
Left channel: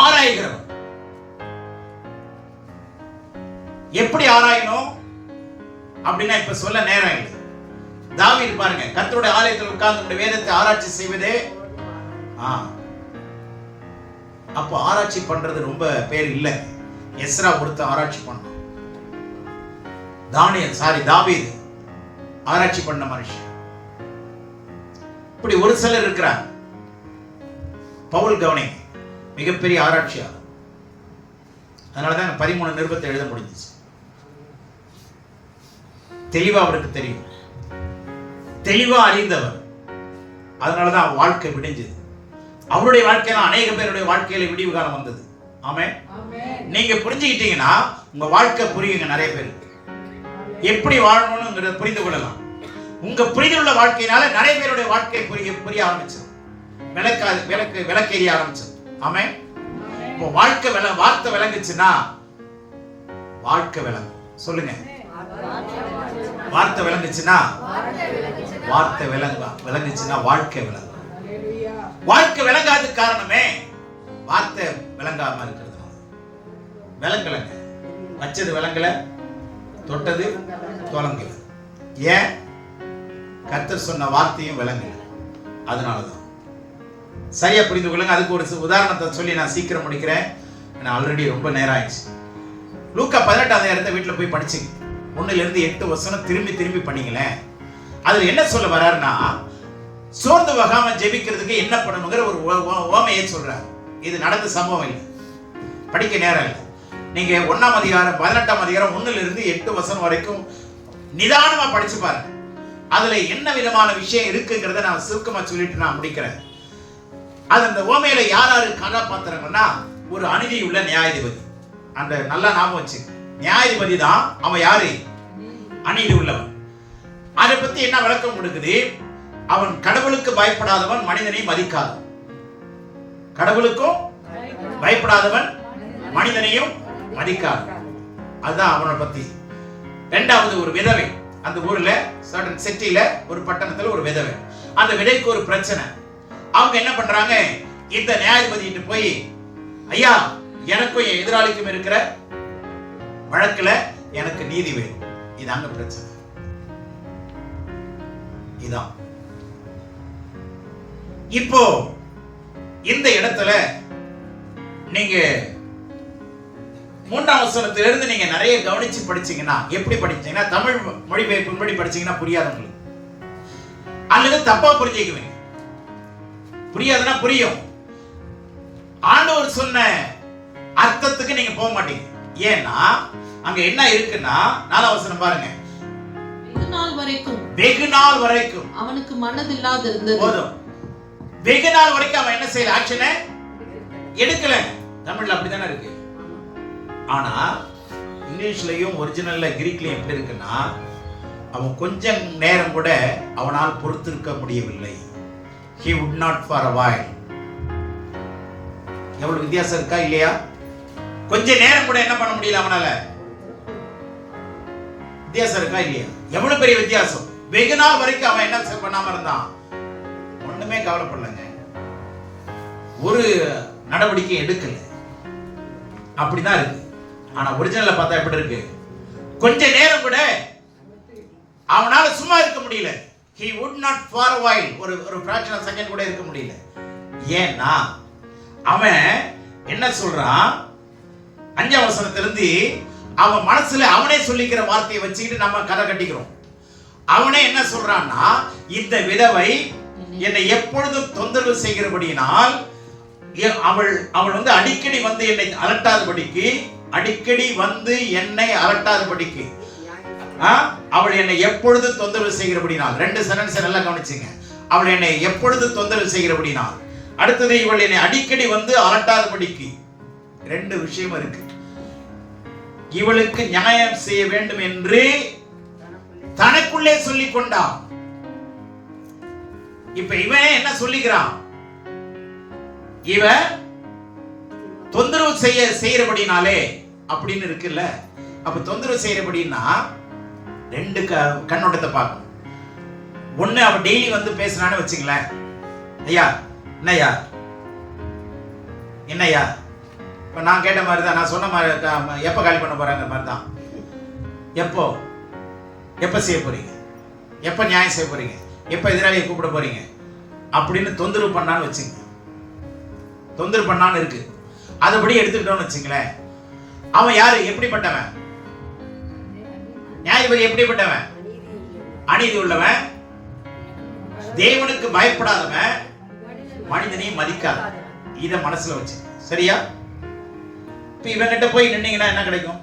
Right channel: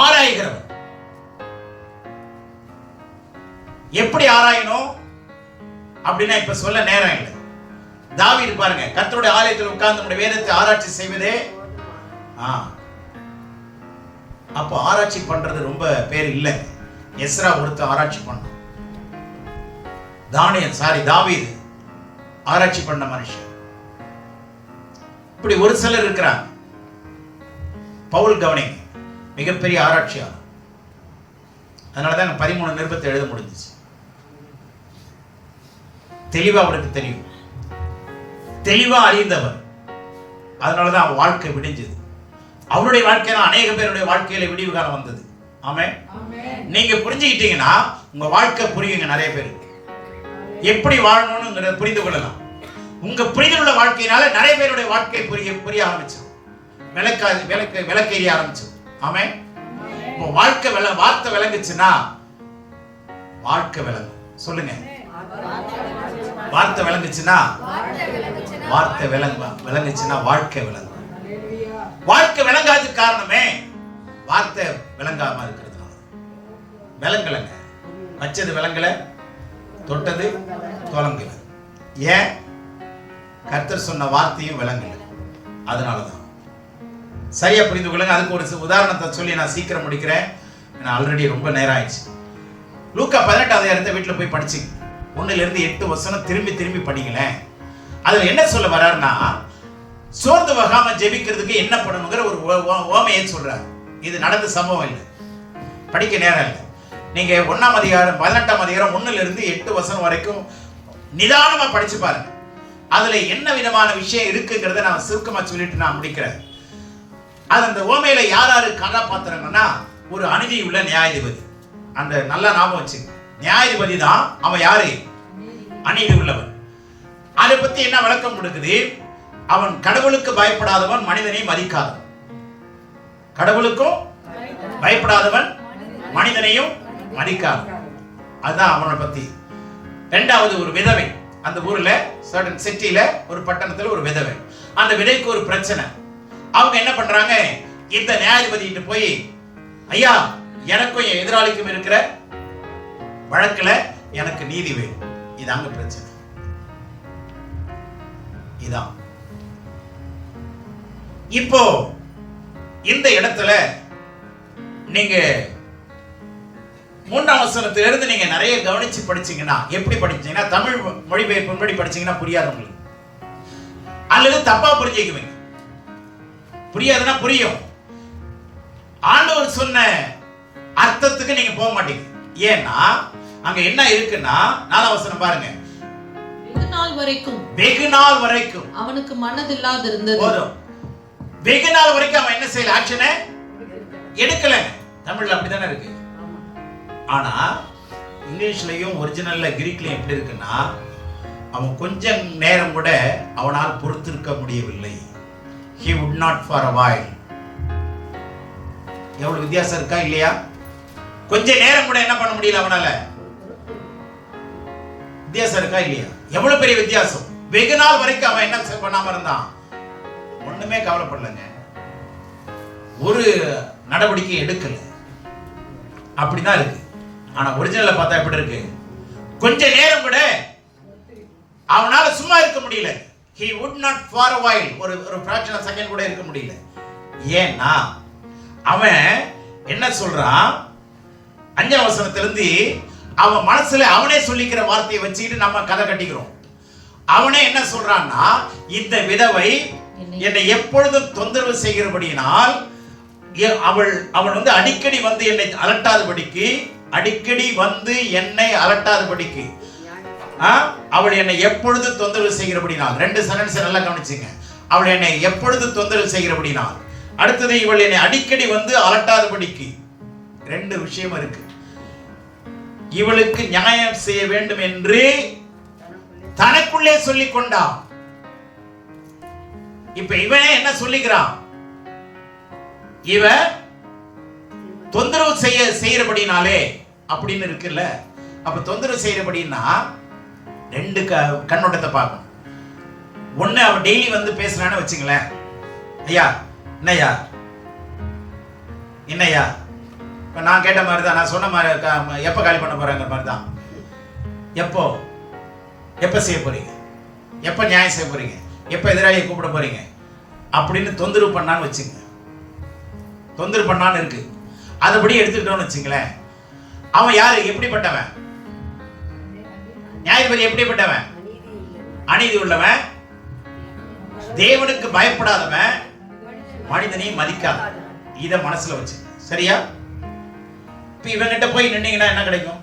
ஆராய்கிறவன் எப்படி ஆராயணும் அப்படின்னா இப்ப சொல்ல நேரம் இல்லை. தாவீது பாருங்க, கர்த்தருடைய ஆலயத்தில் உட்கார்ந்து நம்முடைய வேதத்தை ஆராய்ச்சி செய்வதே. அப்போ ஆராய்ச்சி பண்றது ரொம்ப பேர் இல்லை. எஸ்ரா ஒருத்த ஆராய்ச்சி பண்ண, தாவீது ஆராய்ச்சி பண்ண மனுஷன். இப்படி ஒரு சிலர் இருக்கிறாங்க. பவுல் கவனிங்க, மிகப்பெரிய ஆராய்ச்சியாளர். அதனாலதான் 13 நிருபத்தை எழுத முடிஞ்சிச்சு. தெளிவா அவருக்கு தெரியும், தெளிவா அறிந்தவர். அதனாலதான் அவர் வாழ்க்கை விடிஞ்சது. அவருடைய வாழ்க்கையில அநேக பேருடைய வாழ்க்கையில விடிவு காலம் வந்தது. ஆமென். நீங்க புரிஞ்சுக்கிட்டீங்கன்னா உங்க வாழ்க்கை புரியுங்க. நிறைய பேர் எப்படி வாழணும்னு புரிந்து கொள்ளலாம். உங்க புரிதல் உள்ள வாழ்க்கையினால நிறைய பேருடைய வாழ்க்கை புரிய ஆரம்பிச்சோம், விளக்கேறிய ஆரம்பிச்சோம். ஆமென். இப்போ வார்த்தை விளங்குச்சுன்னா வாழ்க்கை விளங்கும். சொல்லுங்க, வார்த்தை விளங்குச்சுன்னா வாழ்க்கை விளங்கும். வாழ்க்கை விளங்காததுக்கு காரணமே வார்த்தை விளங்காம இருக்கிறது. விளங்கலங்க, வச்சது விளங்கல, தொட்டது தொலங்கல. ஏன்? கர்த்தர் சொன்ன வார்த்தையும் விளங்கல. அதனாலதான். சரியா புரிந்து கொள்ளுங்க. அதுக்கு ஒரு உதாரணத்தை சொல்லி நான் சீக்கிரம் முடிக்கிறேன். ஆல்ரெடி ரொம்ப நேரம் ஆயிடுச்சு. லூக்கா 18 வீட்டில் போய் படிச்சுங்க. 1-8 வசனம் திரும்பி படிங்களேன். அதுல என்ன சொல்ல வர்றாருன்னா, சோர்ந்து வகாம ஜெபிக்கிறதுக்கு என்ன பண்ணணுங்கிற ஒரு ஓமையை சொல்றாரு. இது நடந்த சம்பவம் இல்லை, படிக்க நேரம் இல்லை. நீங்க 1ஆம் அதிகாரம் 18ஆம் அதிகாரம் 1-8 வசனம் வரைக்கும் நிதானமா படிச்சு பாருங்க. அதுல என்ன விதமான விஷயம் இருக்குங்கிறத நான் சுருக்கமா சொல்லிட்டு நான் முடிக்கிறேன். அது அந்த ஓமையில யாரு கதாபாத்திரங்கன்னா, ஒரு அநீதி உள்ள நியாயாதிபதி. அந்த நல்லா ஞாபகம் வச்சு, நியாயாதிபதி தான் அவன். யாரு? அநீதி உள்ளவன். அதை பத்தி என்ன விளக்கம் கொடுக்குது? அவன் கடவுளுக்கு பயப்படாதவன், மனிதனை மதிக்காதவன். கடவுளுக்கும் பயப்படாதவன், மனிதனையும் மதிக்காதவன். அதுதான் அவனை பத்தி. இரண்டாவது, ஒரு விதவை. அந்த ஊர்ல சர்டன் சிட்டில ஒரு பட்டணத்துல ஒரு விதவை. அந்த விதைக்கு ஒரு பிரச்சனை. அவங்க என்ன பண்றாங்க, இந்த நியாயாதிபதிட்டு போய், ஐயா, எனக்கும் என் எதிராளிக்கும் இருக்கிற வழக்குல எனக்கு நீதி வேணும். இதாங்க பிரச்சனை. இதான் இப்போ இந்த இடத்துல நீங்க 3ஆம் வசனத்திலிருந்து நீங்க நிறைய கவனிச்சு படிச்சீங்கன்னா, எப்படி படிச்சீங்கன்னா, தமிழ் மொழிபெயர்ப்பு படிச்சீங்கன்னா புரியாது உங்களுக்கு, அல்லது தப்பா புரிஞ்சுக்குவீங்க. புரியாதுன்னா புரியும். ஆண்டவர் சொன்ன அர்த்தத்துக்கு நீங்க போக மாட்டீங்க. ஏன்னா அங்க என்ன இருக்குன்னா, 4ஆம் வசனம் பாருங்க. வெகு நாள் வரைக்கும் அவனுக்கு மனதில்லாது இருந்தது. போதும். வெகு நாள் வரைக்கும் அவன் என்ன செய்யல, ஆக்ஷனை எடுக்கல. தமிழ்ல அப்படிதானே இருக்கு. ஆனா இங்கிலீஷ்லயும் ஒரிஜினல்ல கிரீக்லயும் எப்படி இருக்குன்னா, அவன் கொஞ்சம் நேரம் கூட அவனால் பொறுத்திருக்க முடியவில்லை. He would not for a while. எவ்வளவு வித்தியாசம் இருக்கா இல்லையா? கொஞ்ச நேரம் கூட என்ன பண்ண முடியல அவனால. வித்தியாசம் இருக்கா இல்லையா? எவ்வளவு பெரிய வித்தியாசம். வெகு நாள் வரைக்கும் அவன் என்ன பண்ணாம இருந்தான், ஒண்ணுமே கவலைப்படலங்க, ஒரு நடவடிக்கை எடுக்கல. அப்படிதான் இருக்கு. ஆனா ஒரிஜினல்ல பார்த்தா எப்படி இருக்கு, கொஞ்ச நேரம் கூட அவனால சும்மா இருக்க முடியல. He would not for a while, ஒரு fraction of second கூட இருக்க முடியல. ஏன்னா அவன் என்ன சொல்றான், 5ஆம் வசனத்திலிருந்து அவன் மனசுல அவனே சொல்லிக்கிற வார்த்தையை வச்சுக்கிட்டு நம்ம கதை கட்டிக்கிறோம். அவனே என்ன சொல்றான்னா, இந்த விதவை என்னை எப்பொழுதும் தொந்தரவு செய்கிறபடியினால் அவள் வந்து அடிக்கடி வந்து என்னை அலட்டாதபடிக்கு அவள் என்னை எப்பொழுது தொந்தரவு செய்கிறபடினால். 2 சென்டென்ஸ் நல்லா கவனிச்சுங்க. அவள் என்னை எப்பொழுது தொந்தரவு செய்கிறபடினால். அடுத்தது, இவள் என்னை அடிக்கடி வந்து அலட்டாதபடிக்கு. 2 விஷயம் இருக்கு. இவளுக்கு நியாயம் செய்ய வேண்டும் என்று தனக்குள்ளே சொல்லிக் கொண்டான். இப்ப இவனே என்ன சொல்லிக்கிறான், இவ தொந்தரவு செய்யறபடினாலே அப்படின்னு இருக்குல்ல. அப்ப தொந்தரவு செய்யறபடினா 2 கண்ணோட்டத்தை பார்க்கணும். ஒண்ணு, அவ டெய்லி வந்து பேசுறான்னு வச்சுங்களேன், ஐயா என்னையா இப்ப நான் கேட்ட மாதிரி தான், நான் சொன்ன மாதிரி, எப்ப காலி பண்ண போறாங்க மாதிரி தான். எப்ப செய்ய போறீங்க, எப்ப நியாயம் செய்ய போறீங்க, எப்ப எதிராளியை கூப்பிட போறீங்க அப்படின்னு தொந்தரவு பண்ணான்னு வச்சுங்க. தொந்தரவு பண்ணான்னு இருக்கு. அதுபடி எடுத்துக்கிட்டோம்னு வச்சுங்களேன், அவன் யாரு, எப்படிப்பட்டவன்? நியாயாதிபதி எப்படிப்பட்டவன்? அநீதி உள்ளவன், தேவனுக்கு பயப்படாதவன், மனிதனையும் மதிக்காத. இத மனசுல வச்சு, சரியா? இப்ப இவங்கிட்ட போய் நின்னீங்கன்னா என்ன கிடைக்கும்?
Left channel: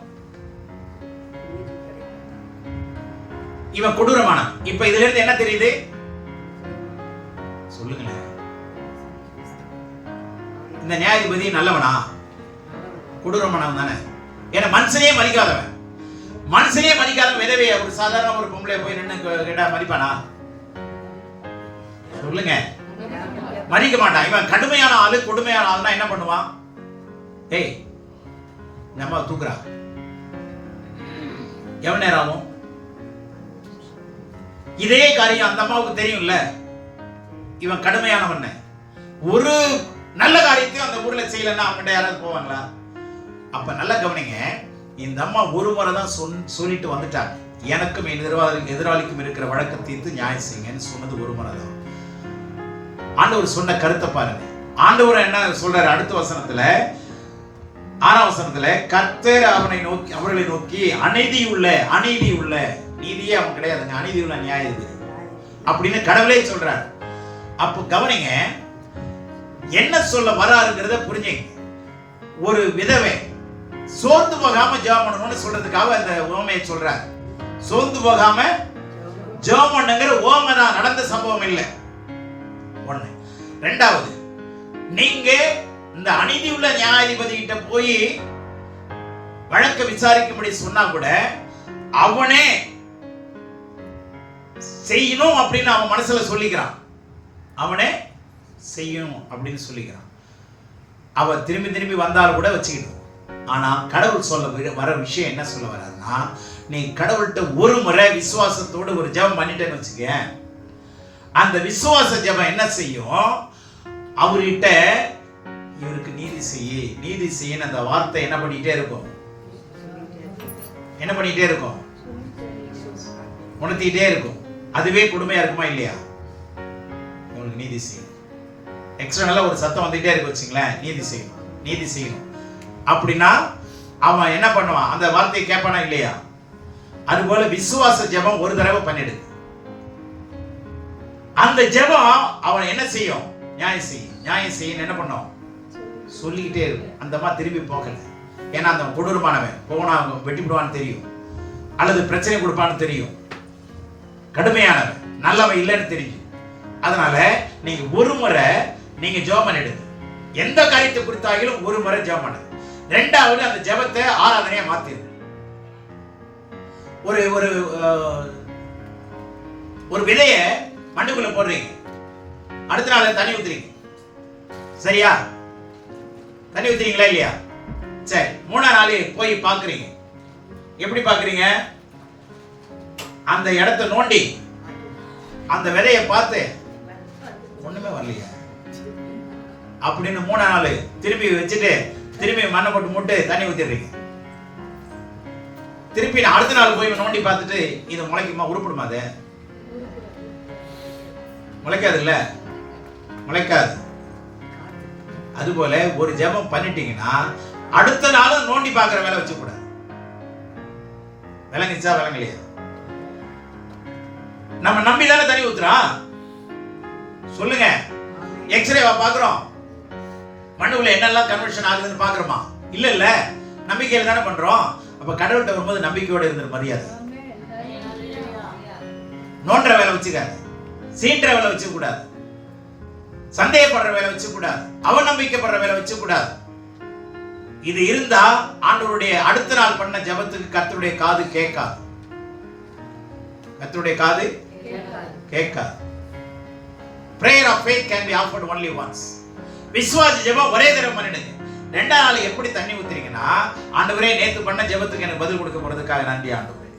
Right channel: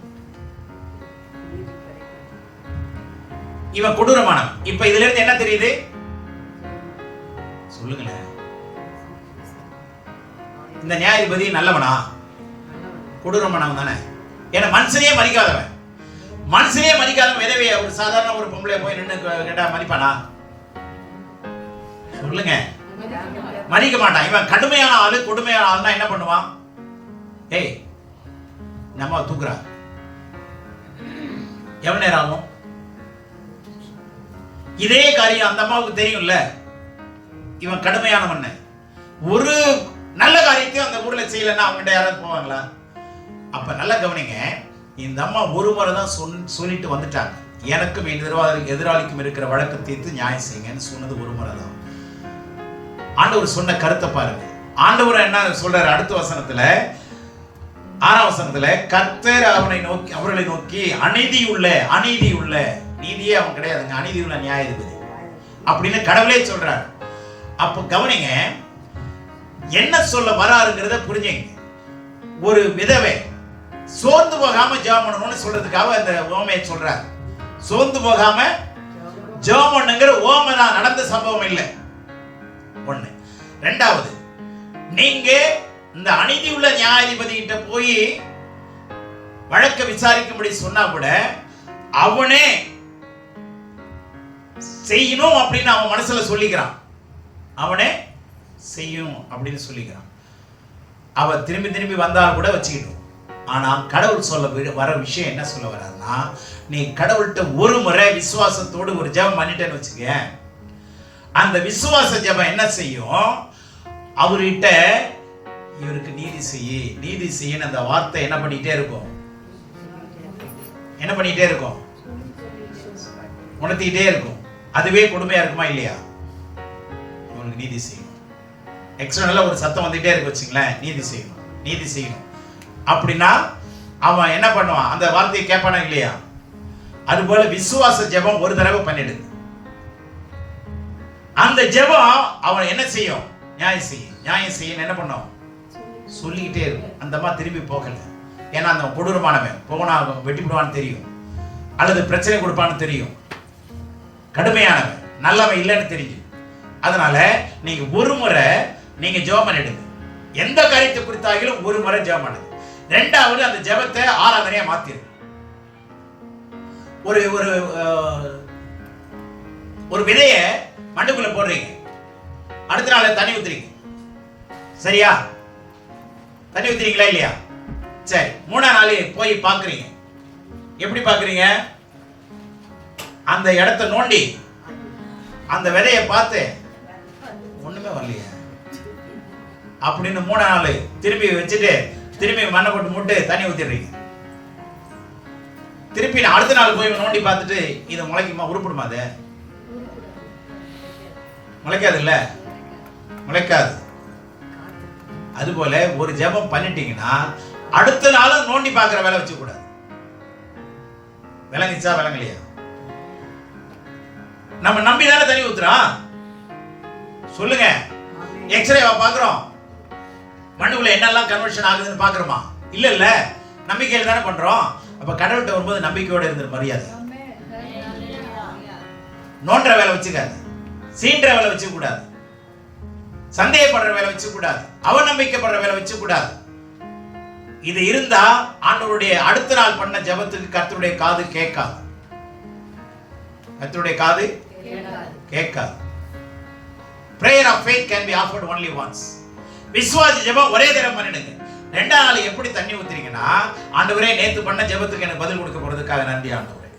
இவன் கொடூரமானவன். இப்ப இதுல இருந்து என்ன தெரியுது சொல்லுங்களேன்? இந்த நியாயாதிபதி நல்லவனா? கொடூரமானவன் தானே. ஏன்னா மனுஷனே மதிக்காதவன். மனுஷனே மதிக்காதவன் விதவை ஒரு சாதாரண ஒரு பொம்பளை போய் நின்று கேட்டா மதிப்பானா? சொல்லுங்க, மதிக்க மாட்டான். இவன் கடுமையான ஆளு, கொடுமையான ஆளுனா என்ன பண்ணுவான்? ஏய், நம்ம தூக்குறா எவ்வளவு நேரம் ஆகும்? இதே காரியம் அந்த அம்மாவுக்கு தெரியும்ல, இவன் கடுமையானவன். ஒரு நல்ல காரியத்தையும் அந்த ஊர்ல செய்யலன்னா அவங்ககிட்ட யாராவது போவாங்களா? அப்ப நல்ல கவனிங்க, இந்த அம்மா ஒரு முறை தான் சொல்லிட்டு வந்துட்டாங்க, எனக்கும் எதிராளிக்கும் இருக்கிற வழக்கு தீர்த்து நியாயம் செய்யுங்கன்னு சொன்னது ஒரு முறை தான். ஆண்டவர் சொன்ன கருத்தை பாருங்க. ஆண்டவர் என்ன சொல்றாரு அடுத்த வசனத்துல, 6ஆம் வசனத்துல, கர்த்தர் அவர்களை நோக்கி அநீதி உள்ள நீதியே அவன் கிடையாதுங்க, அநீதி உள்ள நியாயாதிபதி அப்படின்னு கடவுளே சொல்றாரு. அப்ப கவனிங்க, என்ன சொல்ல வராருங்கிறத புரிஞ்சுங்க. ஒரு விதவை சோர்ந்து போகாம ஜெபம் பண்ணணும்னு சொல்றதுக்காக அந்த ஓமையை சொல்றாரு. சோர்ந்து போகாம ஜெபம் பண்ணுங்கிற ஓமை தான், நடந்த சம்பவம் இல்லை. ஒண்ணு. ரெண்டாவது, நீங்க இந்த அநீதி உள்ள நியாயாதிபதி கிட்ட போய் வழக்க விசாரிக்கும்படி சொன்னா கூட அவனே செய்யணும் அப்படின்னு அவன் மனசுல சொல்லிக்கிறான். அவனே செய்யும் அப்படின்னு சொல்லிக்கிறான். அவ திரும்பி திரும்பி வந்தாலும் கூட வச்சுக்கிட்டோம். ஆனா கடவுள் சொல்ல வர விஷயம் என்ன சொல்ல வர்றாருன்னா, நீ கடவுள்கிட்ட ஒரு முறை விசுவாசத்தோடு ஒரு ஜெபம் பண்ணிட்டேன்னு வச்சுக்க, அந்த விசுவாச ஜெபம் என்ன செய்யும்? அவர்கிட்ட இவருக்கு நீதி செய்ய அந்த வார்த்தை என்ன பண்ணிட்டே இருக்கும்? உணர்த்திட்டே இருக்கும். அதுவே கொடுமையா இருக்குமா இல்லையா? இவனுக்கு நீதி செய்யும். எக்ஸ்டர்னலா ஒரு சத்தம் வந்துட்டே இருக்கு வச்சுங்களேன், நீதி செய்யணும் அப்படின்னா அவன் என்ன பண்ணுவான்? அந்த வார்த்தையை கேட்பானா இல்லையா? அதுபோல விசுவாச ஜெபம் ஒரு தடவை பண்ணிடு. அந்த ஜெபம் அவன் என்ன செய்யும்? நியாயம் செய்ய என்ன பண்ணும்? சொல்லிக்கிட்டே இருக்கும். அந்த மாதிரி திரும்பி போகல. ஏன்னா அந்த கொடூரமானவன் போனா வெட்டி விடுவான்னு தெரியும், அல்லது பிரச்சனை கொடுப்பான்னு தெரியும், கடுமையானவன் நல்லவன் இல்லைன்னு தெரியும். அதனால நீங்க ஒரு முறை நீங்க ஜெபம் பண்ணிடுங்க. எந்த காரியத்தை குறித்தாகிலும் ஒரு முறை ஜெபம் பண்ணுங்க. ரெண்டாவது, அந்த ஜெபத்தை ஆராதனையா மாத்திரு. ஒரு ஒரு ஒரு விதைய மண்ணுக்குள்ள போடுறீங்க, அடுத்த நாள் தண்ணி ஊத்துறீங்க, சரியா? தண்ணி ஊத்துறீங்களா இல்லையா? சரி, 3ஆம் நாள் போய் பாக்குறீங்க. எப்படி பாக்குறீங்க? அந்த இடத்தை நோண்டி அந்த விதையை பார்த்து ஒண்ணுமே வரலையா அப்படின்னு 3ஆம் நாள் திருப்பி வச்சுட்டு திருப்பி மண்ணை போட்டு மூட்டு தண்ணி ஊத்திடுறீங்க. திருப்பி அடுத்த நாள் போய் நோண்டி பார்த்துட்டு இது முளைக்குமா? உருப்படுமா? அது முளைக்காது இல்ல, முளைக்காது. அதுபோல ஒரு ஜெபம் பண்ணிட்டீங்கன்னா அடுத்த நாளும் நோண்டி பார்க்கிற வேலை வச்சு கூடாது. விளங்கிச்சா விளங்கலையா? நம்ம நம்பிதானே தண்ணி ஊத்துறோம். சொல்லுங்க, எக்ஸ்ரேவா பாக்குறோம்? மண்ணுக்குள்ள என்னெல்லாம் கன்வர்ஷன் ஆகுதுன்னு பாக்குறோமா? இல்ல, நம்பிக்கையில தானே பண்றோம். அப்ப கடவுள்கிட்ட வரும்போது நம்பிக்கையோட இருந்த மரியாதை. நோன்ற வேலை வச்சுக்காது, சீன்ற வேலை வச்சு கூடாது, சந்தேகப்படுற வேலை வச்சு கூடாது, அவநம்பிக்கைப்படுற வேலை வச்சு கூடாது. இது இருந்தா ஆண்டவருடைய அடுத்த நாள் பண்ண ஜெபத்துக்கு கர்த்தருடைய காது கேட்காது. கர்த்தருடைய காது கேட்காது. Prayer of faith can be offered only once. விசுவாச ஜெபம் ஒரே தடவை பண்ணிடுங்க. 2ஆம் நாள் எப்படி தண்ணி ஊத்துறீங்கன்னா, ஆண்டவரே நேத்து பண்ண ஜெபத்துக்கு எனக்கு பதில் கொடுக்க போறதுக்காக நன்றி ஆண்டவரே.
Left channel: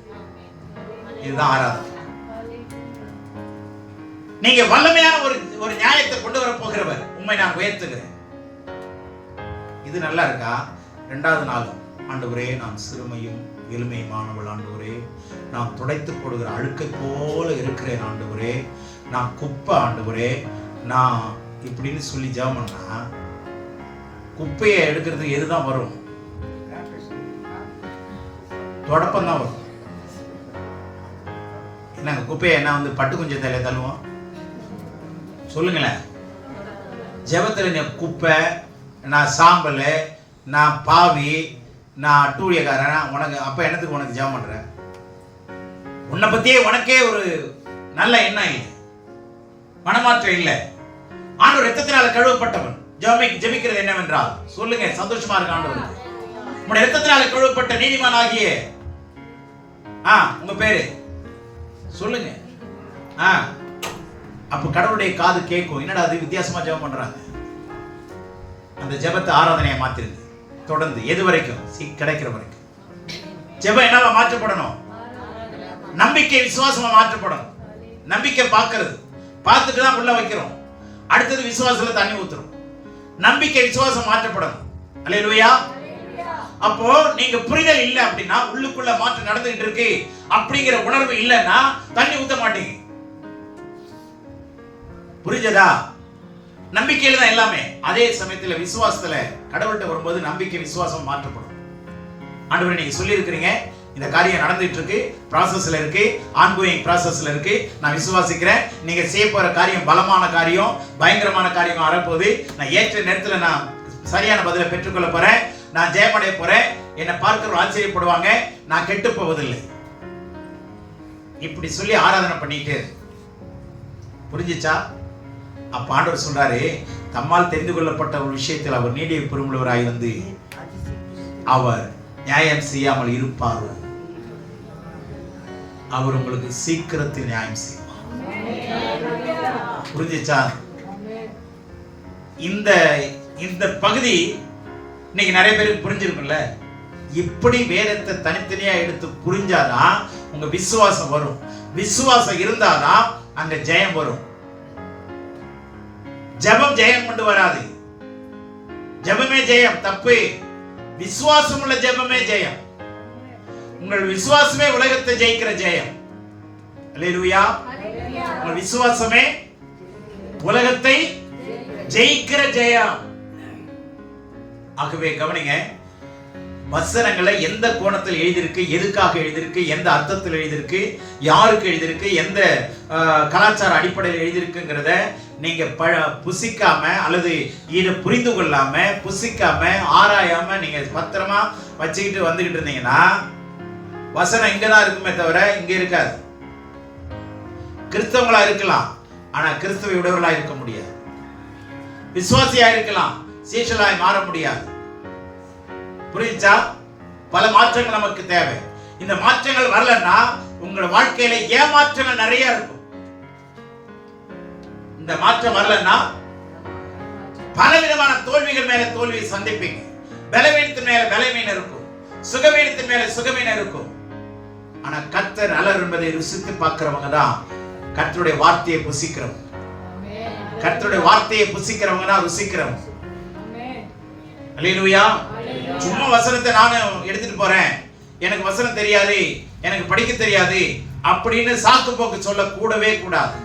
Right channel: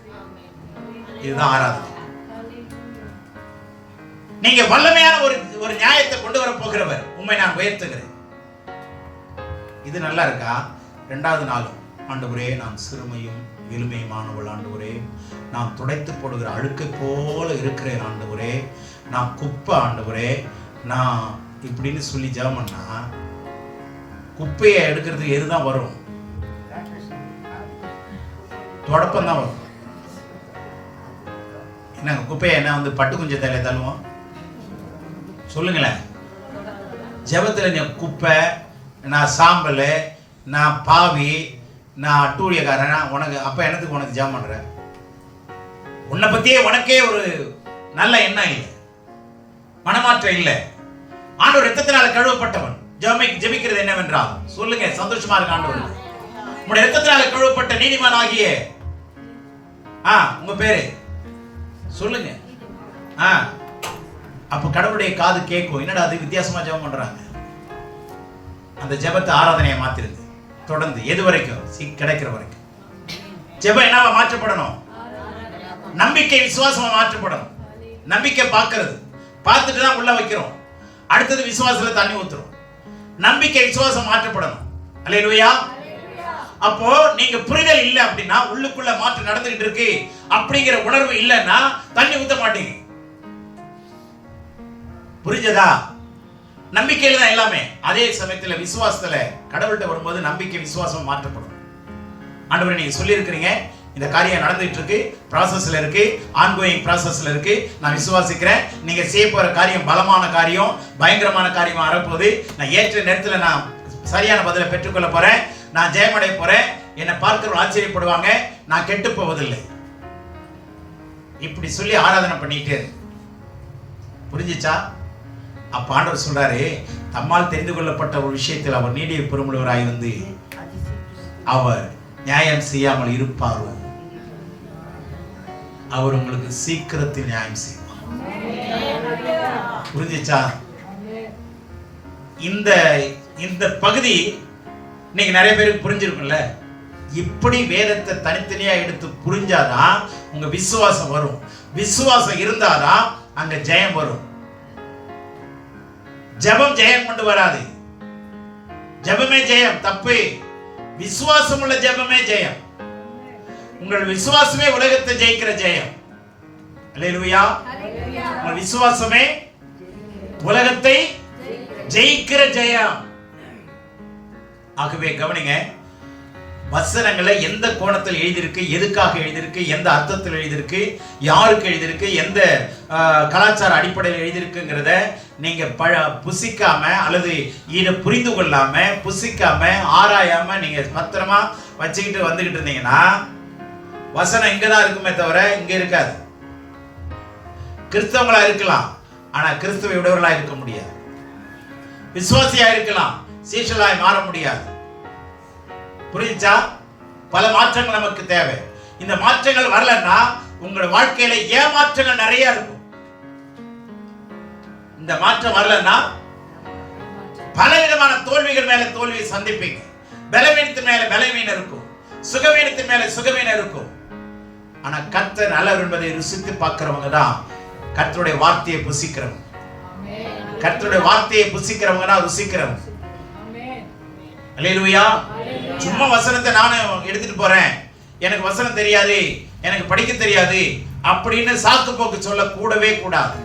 இதுதான் ஆராதனை. நீங்க வல்லமையான ஒரு நியாயத்தை கொண்டு வர போகிறவர், உண்மை நான் உயர்த்துகிறேன். இது நல்லா இருக்கா? 2வது நாளும் ஆண்டவரே நான் சிறுமையும் எளிமையுமானவள் ஆண்டவரே, நான் துடைத்து போடுகிற அழுக்கை போல இருக்கிறேன் ஆண்டவரே, நான் குப்பை ஆண்டவரே, நான் இப்படின்னு சொல்லி ஜெபம் பண்ணா குப்பையை எடுக்கிறதுக்கு எதுதான் வரும்? தொடப்பம் தான் வரும். என்னங்க குப்பையை என்ன வந்து பட்டு குஞ்ச தலையில தள்ளுவோம்? சொல்லுங்களேன். ஜெபத்தில் நீ குப்பை, நான் சாம்பல், நான் பாவி, நான் அட்டூழியக்காரன், உனக்கு அப்போ என்னத்துக்கு உனக்கு ஜெபம் பண்ணுற? உன்னை பத்தியே உனக்கே ஒரு நல்ல எண்ணம் இல்லை, மனமாற்றம் இல்லை. ஆண்டவர் இரத்தத்தினால கழுவப்பட்டவன். ஜெபிக்கிறது என்னவென்றால் சொல்லுங்க, சந்தோஷமா இருக்கு ஆண்டவர். உங்களுடைய இரத்தத்தினால கழுவப்பட்ட நீதிமான் ஆகிய உங்க பேரு சொல்லுங்க. அப்ப கடவுளுடைய காது கேட்கும், என்னடா அது வித்தியாசமா ஜெபம் பண்றாங்க. அந்த ஜெபத்தை ஆராதனையை மாத்திருது. தொடர்ந்து எது வரைக்கும்? கிடைக்கிற வரைக்கும். ஜெபம் என்னவா மாற்றப்படணும்? நம்பிக்கை விசுவாசமா மாற்றப்படணும். நம்பிக்கை பார்க்கிறது, பார்த்துட்டு தான் உள்ள வைக்கிறோம். அடுத்தது விசுவாசத்துல தண்ணி ஊத்துறோம். நம்பிக்கை விசுவாசம் மாற்றப்படணும். அல்லேலூயா. அப்போ நீங்க புரிதல் இல்லை அப்படின்னா, உள்ளுக்குள்ள மாற்றம் நடந்துகிட்டு இருக்கு அப்படிங்கிற உணர்வு இல்லைன்னா தண்ணி ஊத்த மாட்டீங்க. புரிஞ்சதா? நம்பிக்கையில தான் எல்லாமே. அதே சமயத்துல விசுவாசத்துல கடவுள்கிட்ட வரும்போது நம்பிக்கை விசுவாசம் மாற்றப்படும். ஆண்டவரே, நீங்க சொல்லி இருக்கிறீங்க, இந்த காரியம் நடந்துட்டு இருக்கு, ப்ராசஸ்ல இருக்கு, ஆன்கோயிங் ப்ராசஸ்ல இருக்கு, நான் விசுவாசிக்கிறேன். நீங்க செய்ய போற காரியம் பலமான காரியம், பயங்கரமான காரியமா வரப்போகுது. நான் ஏற்ற நேரத்தில் நான் சரியான பதிலை பெற்றுக்கொள்ள போறேன், நான் ஜெயமடைய போறேன், என்னை பார்க்கிறவங்க ஆச்சரியப்படுவாங்க, நான் கெட்டு போவதில்லை. இப்படி சொல்லி ஆராதனை பண்ணிட்டு புரிஞ்சிச்சா? அப்ப ஆண்டவர் சொல்றாரு, தம்மால் தெரிந்து கொள்ளப்பட்ட ஒரு விஷயத்தில் அவர் நீடிய பெருமுள்ளவராய் வந்து அவர் நியாயம் செய்யாமல் இருப்பாரோ, அவர் உங்களுக்கு சீக்கிரத்தில் நியாயம் செய்வார். புரிஞ்சிச்சா? இந்த பகுதி இன்னைக்கு நிறைய பேருக்கு புரிஞ்சிருக்கும்ல. இப்படி வேதத்தை தனித்தனியா எடுத்து புரிஞ்சாதான் உங்க விசுவாசம் வரும். விசுவாசம் இருந்தாதான் அங்க ஜெயம் வரும். ஜெபம் ஜெயம் கொண்டு வராது. ஜெபமே ஜெயம் தப்பு. விசுவாசம் உள்ள ஜெபமே ஜெயம். உங்கள் விசுவாசமே உலகத்தை ஜெயிக்கிற ஜெயம். அல்லேலூயா. உங்கள் விசுவாசமே உலகத்தை ஜெயிக்கிற ஜெயம். ஆகவே கவனிங்க, வசனங்களை எந்த கோணத்தில் எழுதியிருக்கு, எதுக்காக எழுதியிருக்கு, எந்த அர்த்தத்தில் எழுதியிருக்கு, யாருக்கு எழுதியிருக்கு, எந்த கலாச்சார அடிப்படையில் எழுதியிருக்குங்கிறத நீங்க புசிக்காம அல்லது இதை புரிந்து கொள்ளாம புசிக்காம ஆராயாம நீங்க பத்திரமா வச்சுக்கிட்டு வந்துகிட்டு இருந்தீங்கன்னா வசனம் இங்கதான் இருக்குமே தவிர இங்க இருக்காது. கிறிஸ்தவங்களா இருக்கலாம், ஆனா கிறிஸ்துவை உடையவர்களா இருக்க முடியாது. விசுவாசியா இருக்கலாம், சீஷலாய் மாற முடியாது. புரிஞ்சா? பல மாற்றங்கள் நமக்கு தேவை. இந்த மாற்றங்கள் வரலன்னா உங்களோட வாழ்க்கையில ஏமாற்றங்கள் நிறைய இருக்கும். இந்த மாற்றம் வரலன்னா பலவிதமான தோல்விகள் மேல தோல்வியை சந்திப்பீங்க. பலவீனத்தின் மேல பலவீனம் இருக்கும், சுகவீனத்தின் மேல சுகவீனம் இருக்கும். ஆனா கர்த்தர் நல்லவர் என்பதை ருசித்து பார்க்கிறவங்க தான் கர்த்தருடைய வார்த்தையை புசிக்கிறவங்க. கர்த்தருடைய வார்த்தையை புசிக்கிறவங்க தான் ருசிக்கிறவங்க. அல்லேலூயா. சும்மா வசனத்தை நானும் எடுத்துட்டு போறேன், எனக்கு வசனம் தெரியாது, எனக்கு படிக்க தெரியாது அப்படின்னு சாக்கு போக்கு சொல்ல கூடவே கூடாது.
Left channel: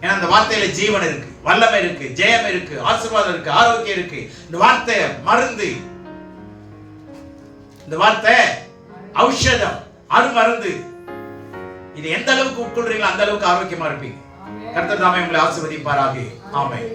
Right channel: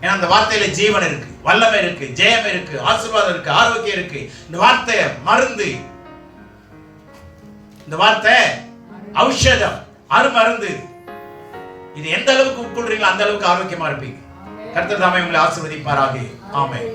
ஏன்னா அந்த வார்த்தையில ஜீவன் இருக்கு, வல்லமை இருக்கு, ஜெயம் இருக்கு, ஆசீர்வாதம் இருக்கு, ஆரோக்கியம் இருக்கு. இந்த வார்த்தை மருந்து, இந்த வார்த்தை ஔஷதம், அருமருந்து. இது எந்த அளவுக்கு உட்கொள்றீங்களோ அந்த அளவுக்கு ஆரோக்கியமா இருப்பீங்க. கர்த்தர் தாமே உங்களை ஆசீர்வதிப்பாராக. ஆமென்.